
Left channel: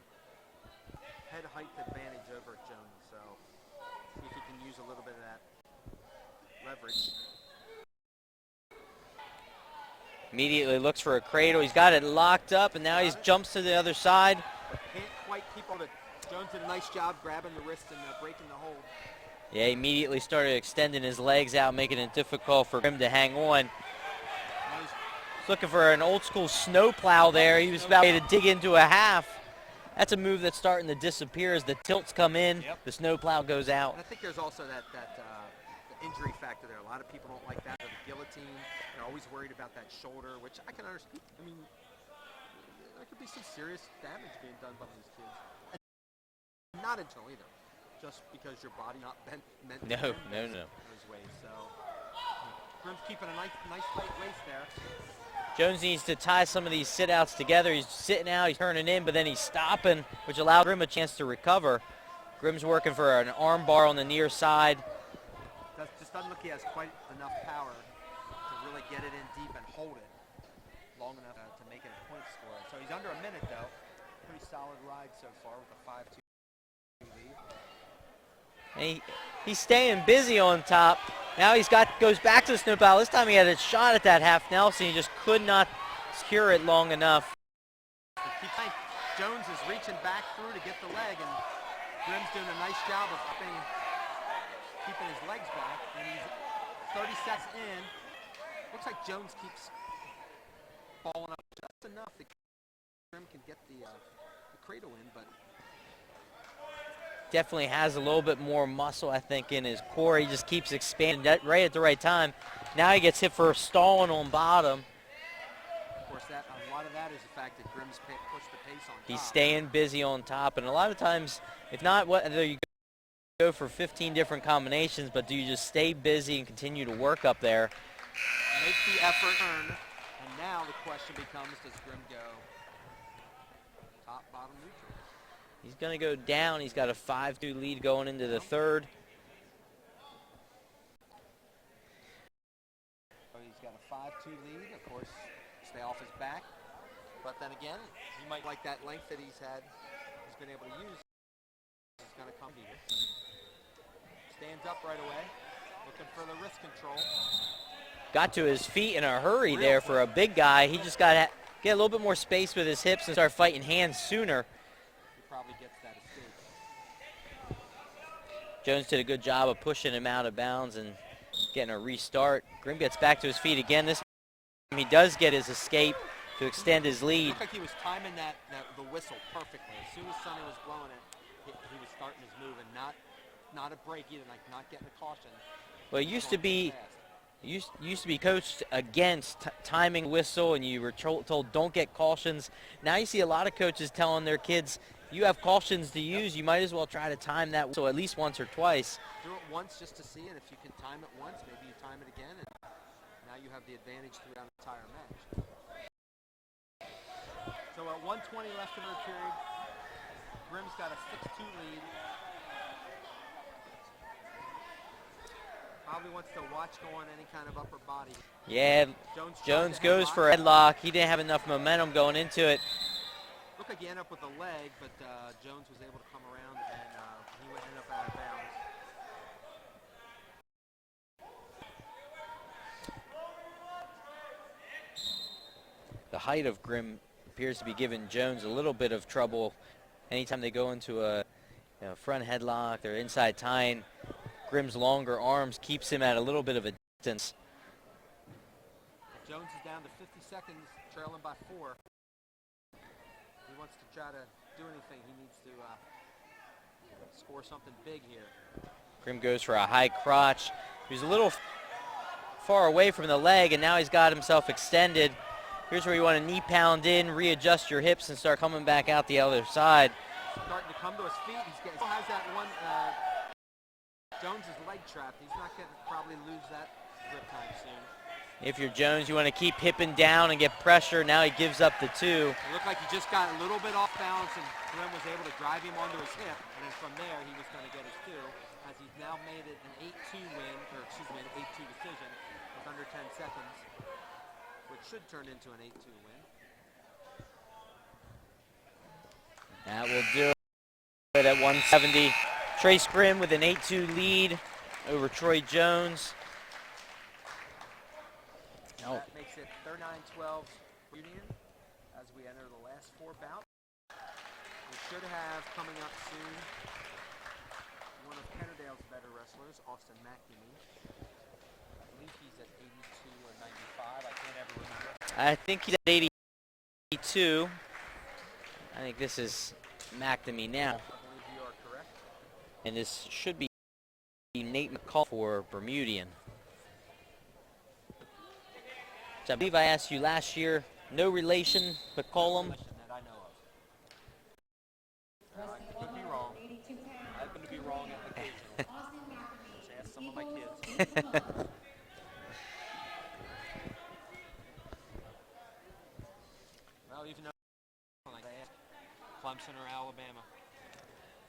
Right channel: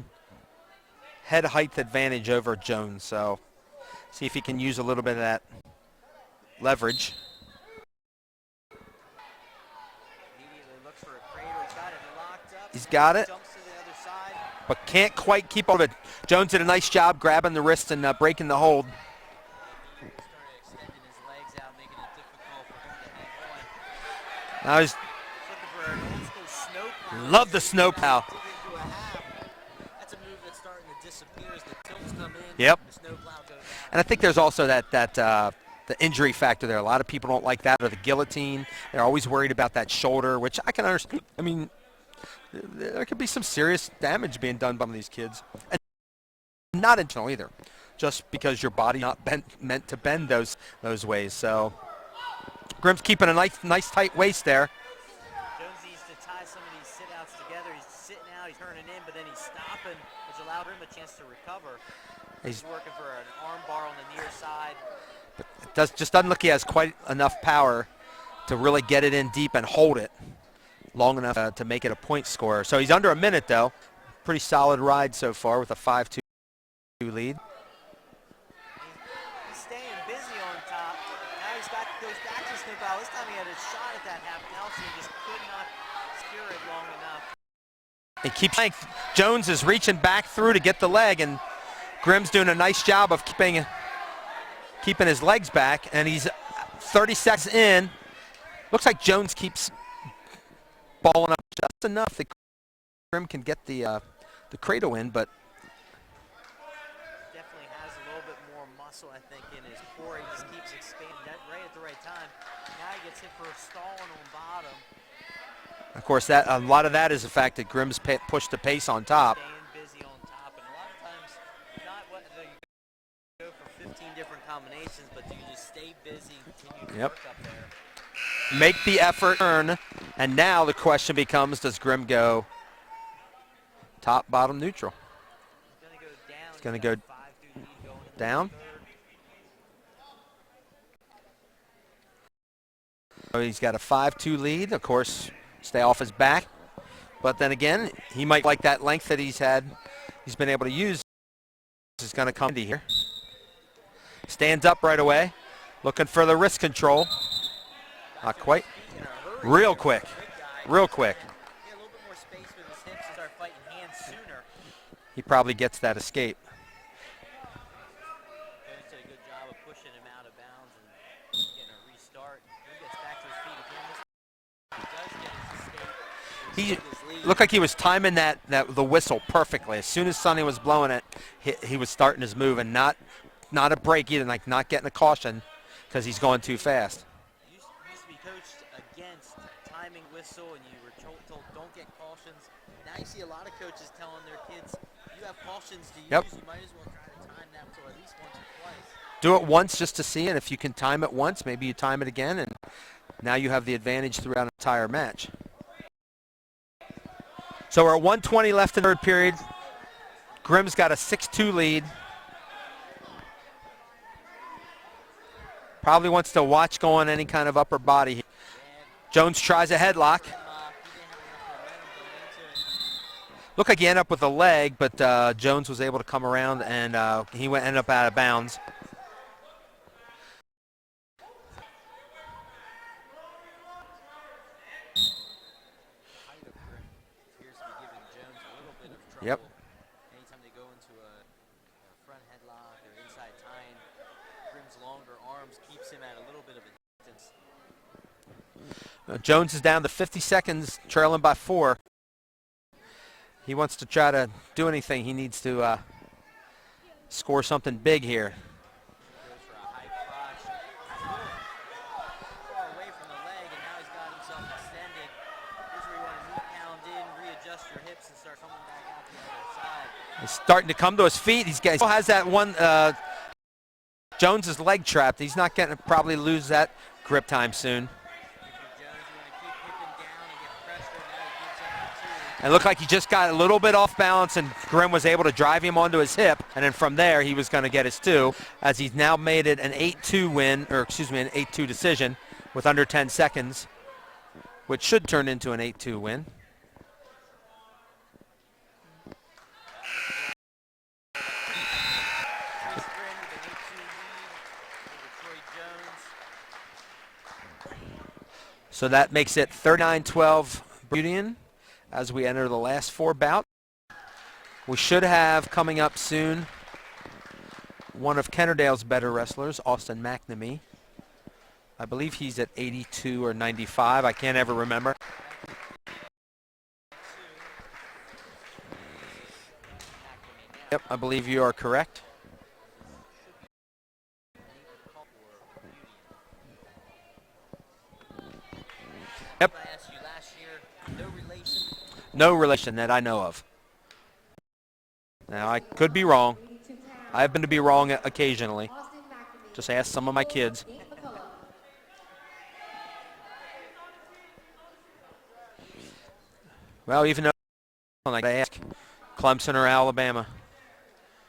height advantage over Jones, so see if he can use a little bit of that leverage. Immediately looks for a cradle. He's got it locked up, and now he jumps to the other side. But can't quite keep hold of it. Jones did a nice job grabbing the wrist and breaking the hold. Yeah, he immediately started extending his legs out, making it difficult for him to hang on. I was Looking for an old school snowplow Love there. the He was snowplow. about to dig into a half. That's a move that's starting to disappear as the tilts come in. Yep. The snowplow goes out. And I think there's also the injury factor there. A lot of people don't like that, or the guillotine. They're always worried about that shoulder, which I can understand. I mean, there could be some serious damage being done by these kids. And not intentional either, just because your body not meant to bend those ways. So Grimm's keeping a nice tight waist there. Jones needs to tie some of these sit-outs together. He's sitting out, he's turning in, but then he's stopping, which allowed Grimm a chance to recover. Grimm's working for an arm bar on the near side. Just doesn't look like he has quite enough power to really get it in deep and hold it long enough to make it a point score. So he's under a minute, though. Pretty solid ride so far with a 5-2 lead. He's staying busy on top. Now goes back to the snowplow. This time he had a shot at that half Nelson. He just could not secure it long enough. He keeps. Jones is reaching back through to get the leg, and Grimm's doing a nice job of keeping his legs back, and he's 30 seconds in. Looks like Jones keeps balling up just enough that Grimm can get the cradle in, but definitely has a little bit more muscle, I think, in his core. He just keeps expanding right at the right time. Now he gets hit for stalling on bottom. Of course, a lot of that is the fact that Grimm's pushed the pace on top. He's staying busy on top, and a lot of times, if not whether you go for 15 different combinations, but do you just stay busy and continue to work up there? Make the effort, earn, and now the question becomes, does Grimm go top, bottom, neutral? He's going to go down. He's got a 5-2 lead going into the third. So he's got a 5-2 lead. Of course, stay off his back. But then again, he might like that length that he's been able to use. This is going to come to here. Stands up right away, looking for the wrist control. Got to his feet in a hurry Real there quick. for a big guy. Real He just quick. got to get a little bit more space with his hips and start fighting hands sooner. He probably gets that escape. Jones did a good job of pushing him out of bounds and getting a restart. Grimm gets back to his feet again. This time he does get his escape to extend his lead. Looked like he was timing the whistle perfectly. As soon as Sonny was blowing it, he was starting his move, and not a break either, like not getting a caution because he's going too fast. You used to be coached against timing whistle, and you were told don't get cautions. Now you see a lot of coaches telling their kids, you have cautions to use, you might as well try to time that whistle at least once or twice. Do it once just to see, and if you can time it once, maybe you time it again, and now you have the advantage throughout an entire match. So we're at 1:20 left in the third period. Grimm's got a 6-2 lead. Probably wants to watch going any kind of upper body. Yeah. Jones tries a headlock. For a headlock. He didn't have enough momentum going into it. Looked like he ended up with a leg, but Jones was able to come around, and he ended up out of bounds. The height of Grimm appears to be giving Jones a little bit of trouble. Anytime they go into a front headlock, they're inside tying. Grimm's longer arms keeps him at a little bit of a distance. Jones is down to 50 seconds, trailing by 4. He wants to try to do anything. He needs to score something big here. Grimm goes for a high crotch. He's a little far away from the leg, and now he's got himself extended. Here's where you want to knee pound in, readjust your hips, and start coming back out the other side. He's starting to come to his feet. He still has that one. Jones is leg trapped. He's not going to probably lose that grip time soon. If you're Jones, you want to keep hipping down and get pressure. Now he gives up the 2. It looked like he just got a little bit off balance, and Grimm was able to drive him onto his hip, and then from there he was going to get his 2, as he's now made it an 8-2 win, or excuse me, an 8-2 decision with under 10 seconds, which should turn into an 8-2 win. That will do it at 170. Trace Grimm with an 8-2 lead over Troy Jones. So that makes it 39-12 Bermudian as we enter the last 4 bouts. We should have coming up soon one of Kennard-Dale's better wrestlers, Austin McNamee. I believe he's at 82 or 95. I can't ever remember. I think he's at 82. I think this is McNamee now. Yep, I believe you are correct. And this should be Nate McCall for Bermudian. So I believe I asked you last year, no relation? McCall? No relation that I know of. Now, I could be wrong. I happen to be wrong occasionally. Just ask some of my kids. Well, even though I ask Clemson or Alabama.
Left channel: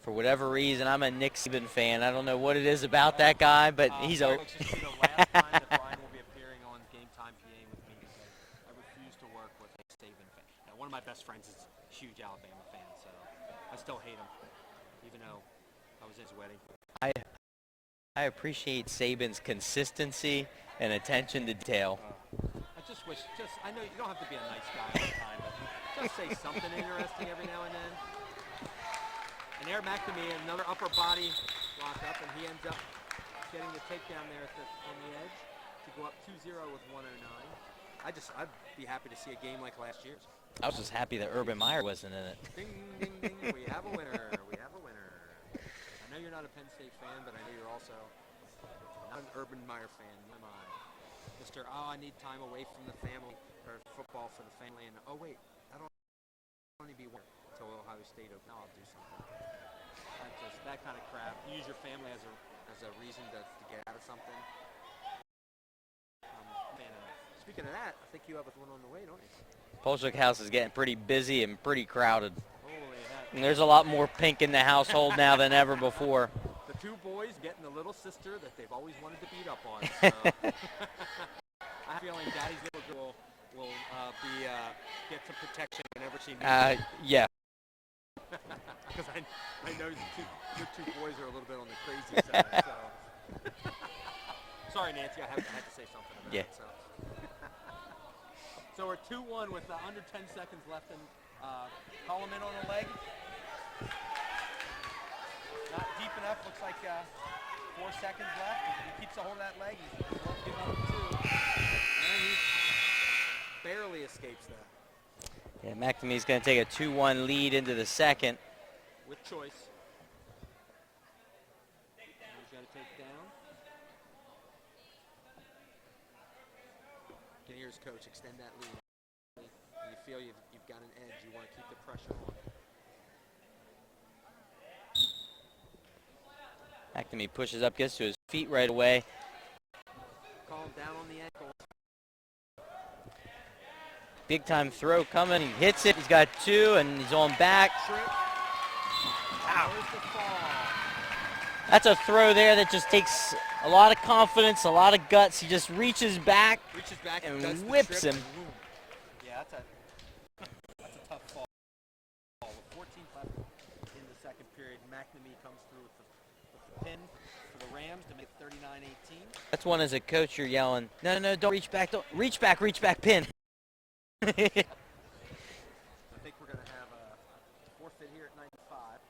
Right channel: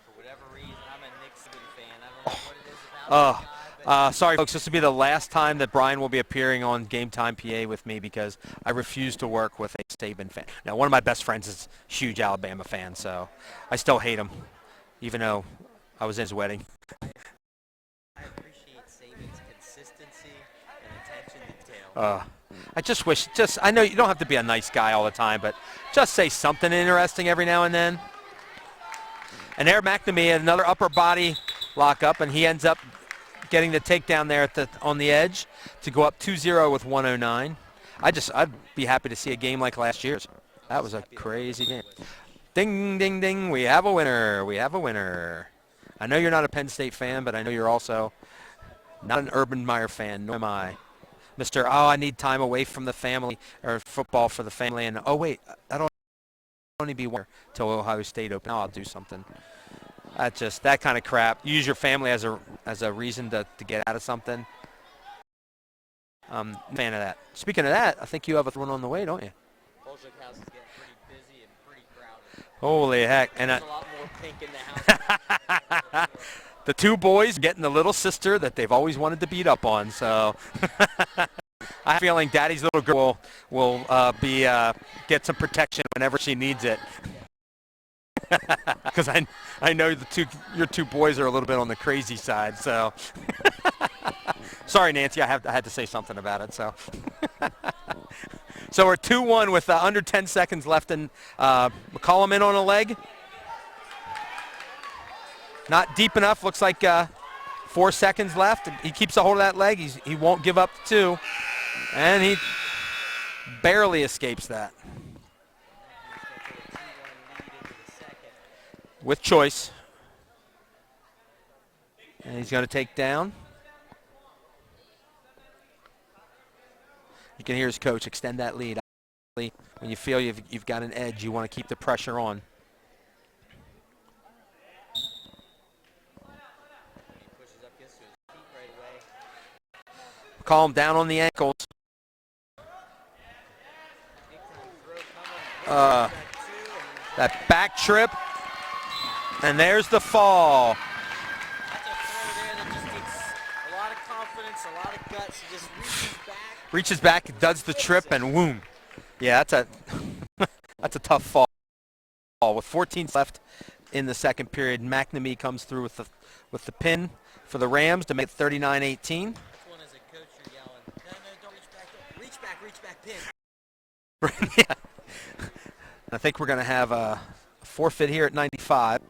For whatever reason, I'm a Nick Saban fan. I don't know what it is about that guy, but he's sorry, folks. This will be the last time that Brian will be appearing on Game Time PA with me because I refuse to work with a Saban fan. Now, one of my best friends is a huge Alabama fan, so I still hate him, even though I was in his wedding. I appreciate Saban's consistency and attention to detail. I just wish, I know you don't have to be a nice guy all the time, but just say something interesting every now and then. And there, McNamee had another upper body lockup, and he ends up getting the takedown there on the edge to go up 2-0 with 109. I'd be happy to see a game like last year's. That was happy a that crazy Urban Meyer game. wasn't in it. Ding, ding, ding. We have a winner. We have a winner. I know you're not a Penn State fan, but I know you're also not an Urban Meyer fan, nor am I. Mr. I need time away from the family, or football for the family, and oh wait, that'll only be one till Ohio State open. Now I'll do something. That kind of crap. Use your family as a reason to get out of something. Fan of that. Speaking of that, I think you have a one on the way, don't you? Polchuk House is getting pretty busy and pretty crowded. Holy heck. And there's a lot more pink in the household now than ever before. The two boys getting the little sister that they've always wanted to beat up on. So I have a feeling Daddy's little girl will get some protection whenever she needs it. Yeah. Because I know your two boys are a little bit on the crazy side. So sorry, Nancy, I had to say something about it. So. So we're 2-1 with under 10 seconds left, and McCollum in on a leg. Not deep enough. Looks like 4 seconds left. He keeps a hold of that leg. He won't give up the 2, and he barely escapes that. Yeah, McNamee's going to take a 2-1 lead into the second. With choice. And he's going to take down. You can hear his coach extend that lead. When you feel you've got an edge, you want to keep the pressure on. McNamee pushes up, gets to his feet right away. Call him down on the ankles. Big time throw coming, hits it, he's got 2, and he's on back trip. And there's the fall. That's a throw there that just takes a lot of confidence, a lot of guts. He just reaches back. And does the trip, him. and whoom. Yeah, that's a tough fall. With 14 left in the second period, McNamee comes through with the pin for the Rams to make it 39-18. That's one as a coach you're yelling, no, don't reach back, reach back, pin. Yeah. I think we're going to have a forfeit here at 95.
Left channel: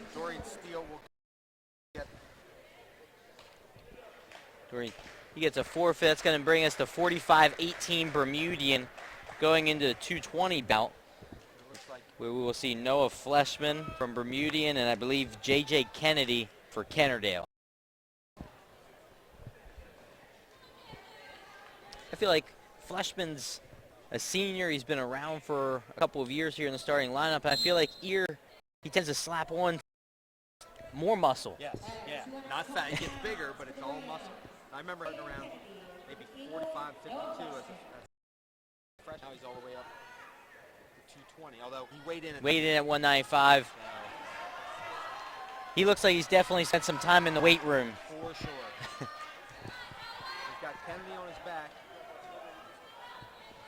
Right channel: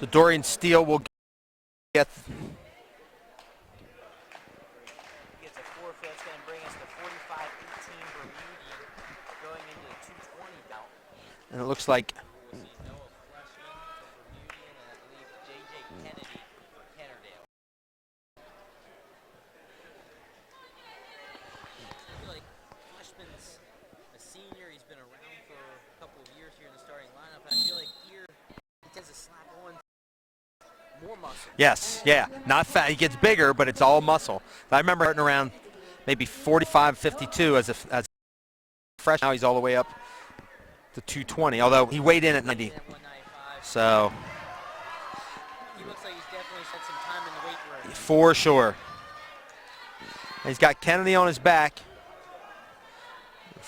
So Dorian Steele will get. He gets a forfeit. That's going to bring us to 45-18 Bermudian going into the 220 bout. And it looks like we will see Noah Fleshman from Bermudian and I believe J.J. Kennedy for Kennard-Dale. I feel like Fleshman's a senior. He's been around for a couple of years here in the starting lineup. And I feel like he tends to slap on more muscle. Yes, yeah, not fat. He gets bigger, but it's all muscle. I remember starting around maybe 45, 52 as a fresh. Now he's all the way up to 220. Although he weighed in at 195. So he looks like he's definitely spent some time in the weight room. For sure. He's got Kennedy on his back.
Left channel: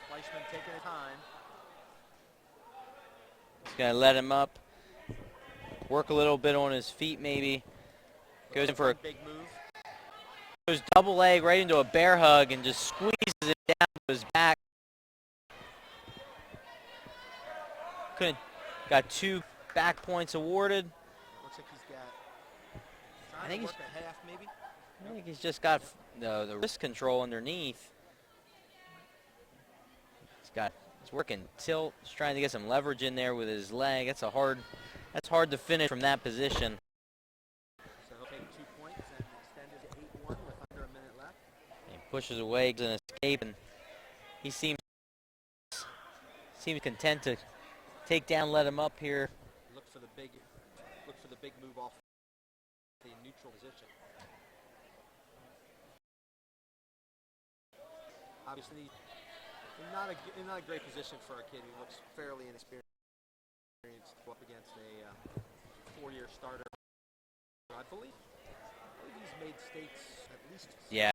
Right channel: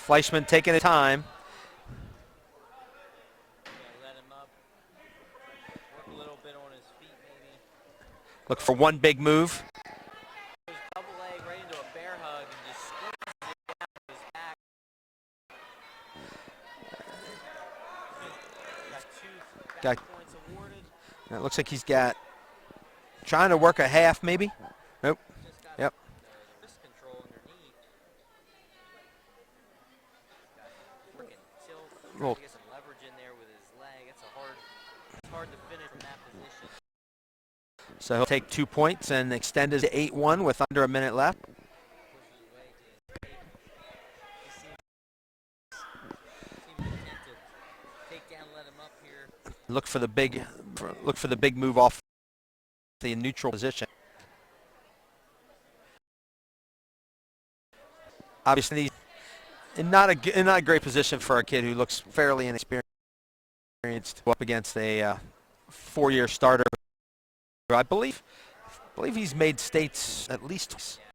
Fleischman taking his time. He's gonna let him up. Work a little bit on his feet, maybe. Look for one big move. goes double leg right into a bear hug and just squeezes it down to his back. Got 2 back points awarded. It looks like he's trying to work a half maybe. Nope. I think he's just got the wrist control underneath. He's working tilt, he's trying to get some leverage in there with his leg. That's hard to finish from that position. So he'll take 2 points and extend his 8-1 with under a minute left. He pushes away, an escape, and he seems content to take down, let him up here. Look for the big move off the neutral position. Obviously, in not a great position for a kid who looks fairly inexperienced to go up against a 4-year starter. I believe he's made states at least. Yeah.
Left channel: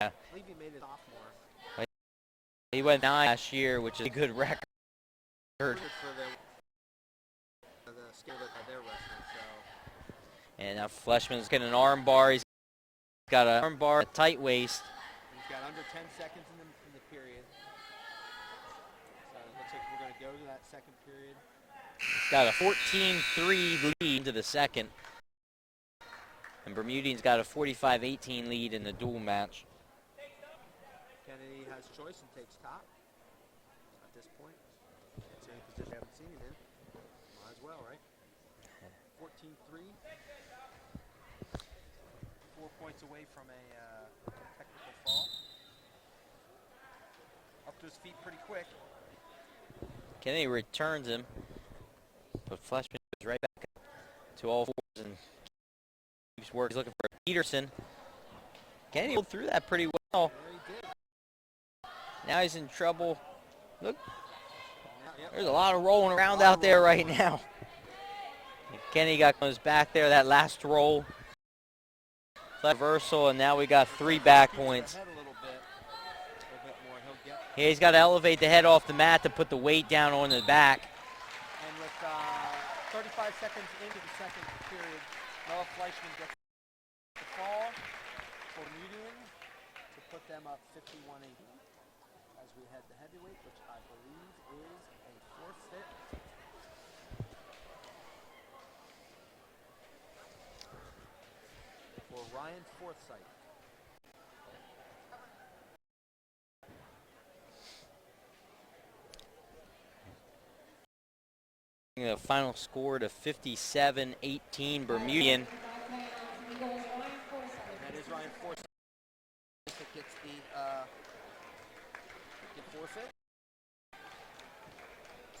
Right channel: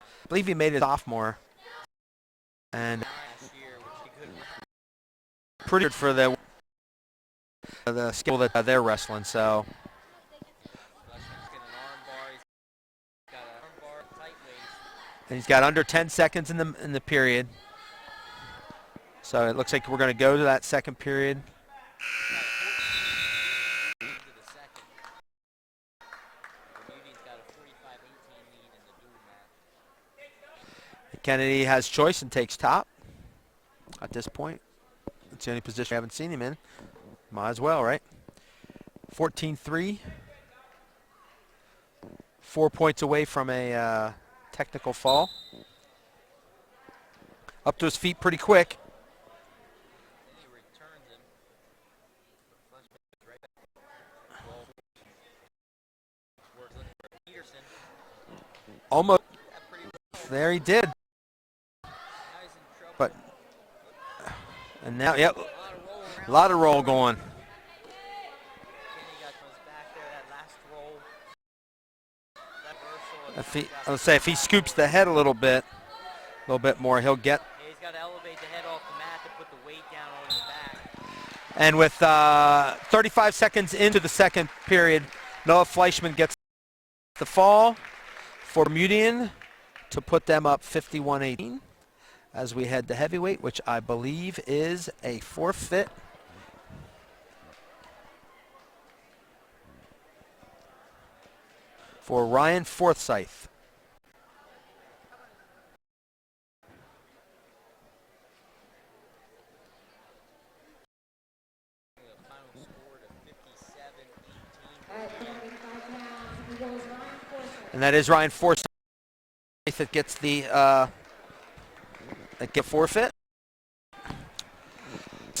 I believe he made it sophomore. He went 9 last year, which is a good record. Pretty good for the skill that they're wrestling. So. And now Fleshman's getting an arm bar. He's got an arm bar, a tight waist. And he's got under 10 seconds in the period. So it looks like we're going to go to that second period. Got a 14-3 lead to the second. And Bermudian's got a 45-18 lead in the dual match. Kennedy has choice and takes top at this point. It's the only position we haven't seen him in. Might as well, right? 14-3. 4 points away from a technical fall. Up to his feet pretty quick. Kennedy returns him, but Fleshman goes right back to all fours and keeps working. He's looking for Peterson. Almost threw that pretty well. There he did. Now he's in trouble. Look. And now, yep. There's a lot of rolling around out there right now. Kennedy got on his back there, that last roll. Reversal, and now we got 3 if he back scoops points. the head a little bit more, he'll get. Yeah, he's got to elevate the head off the mat to put the weight down on the back. And with 35 seconds into the second period, Noah Fleischman gets the fall for Bermudian to put them up 51-18 as we head to heavyweight, which I believe is a forfeit. For Ryan Forsyth. The final score to 57-18 Bermudian. And that is Ryan Forsyth that gets the forfeit.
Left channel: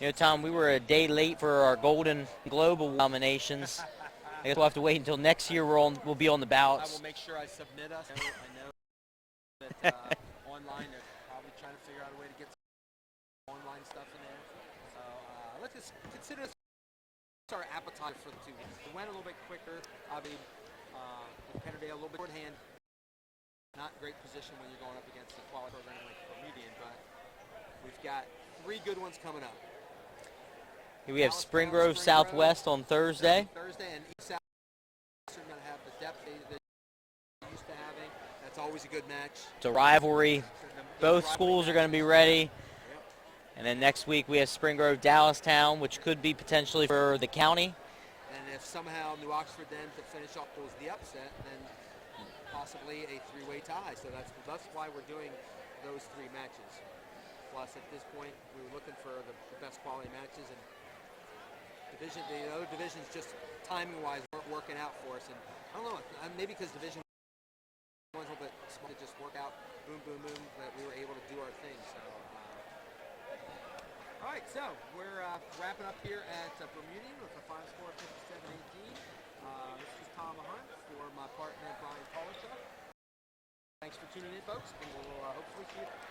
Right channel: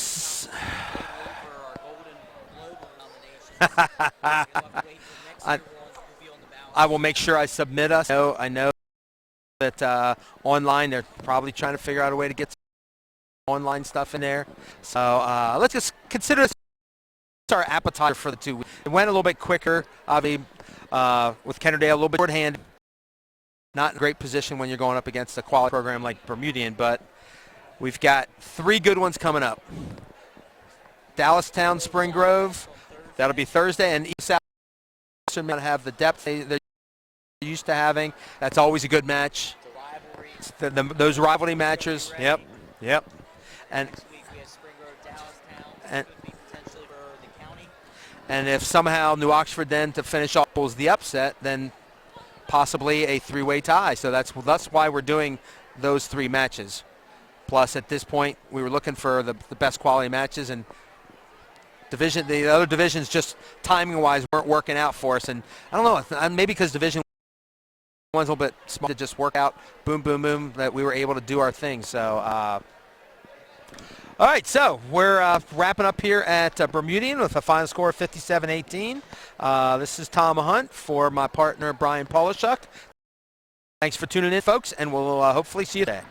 You know, Tom, we were a day late for our Golden Globe nominations. I guess we'll have to wait until next year. We'll be on the ballot. I will make sure I submit us. I know that online they're probably trying to figure out a way to get some online stuff in there. So let's just consider this our appetizer for the 2 weeks. It went a little bit quicker, obviously, with Kennard-Dale a little bit short-handed. Not in a great position when you're going up against a quality program like Bermudian, but we've got 3 good ones coming up. Dallastown, Spring Grove on Thursday. That'll be Thursday, and East South should not have the depth they're used to having. That's always a good match. It's a rivalry. Those rivalry matches. Be ready. Yep. And then next week we have Spring Grove, Dallastown, which could be potentially for the county. And if somehow New Oxford then to finish off pulls the upset, then possibly a 3-way tie. So that's why we're doing those 3 matches. Plus, at this point, we were looking for the best quality matches, and the other divisions just timing-wise weren't working out for us. And I don't know, maybe because Division One's a little bit small to just work out, boom, boom, boom, that we were able to do our thing. So, all right, so we're wrapping up here at Bermudian with a final score of 57-18. This is Tom Hunt for my partner, Brian Polishuk. Thanks for tuning in, folks, and we'll hopefully see you there.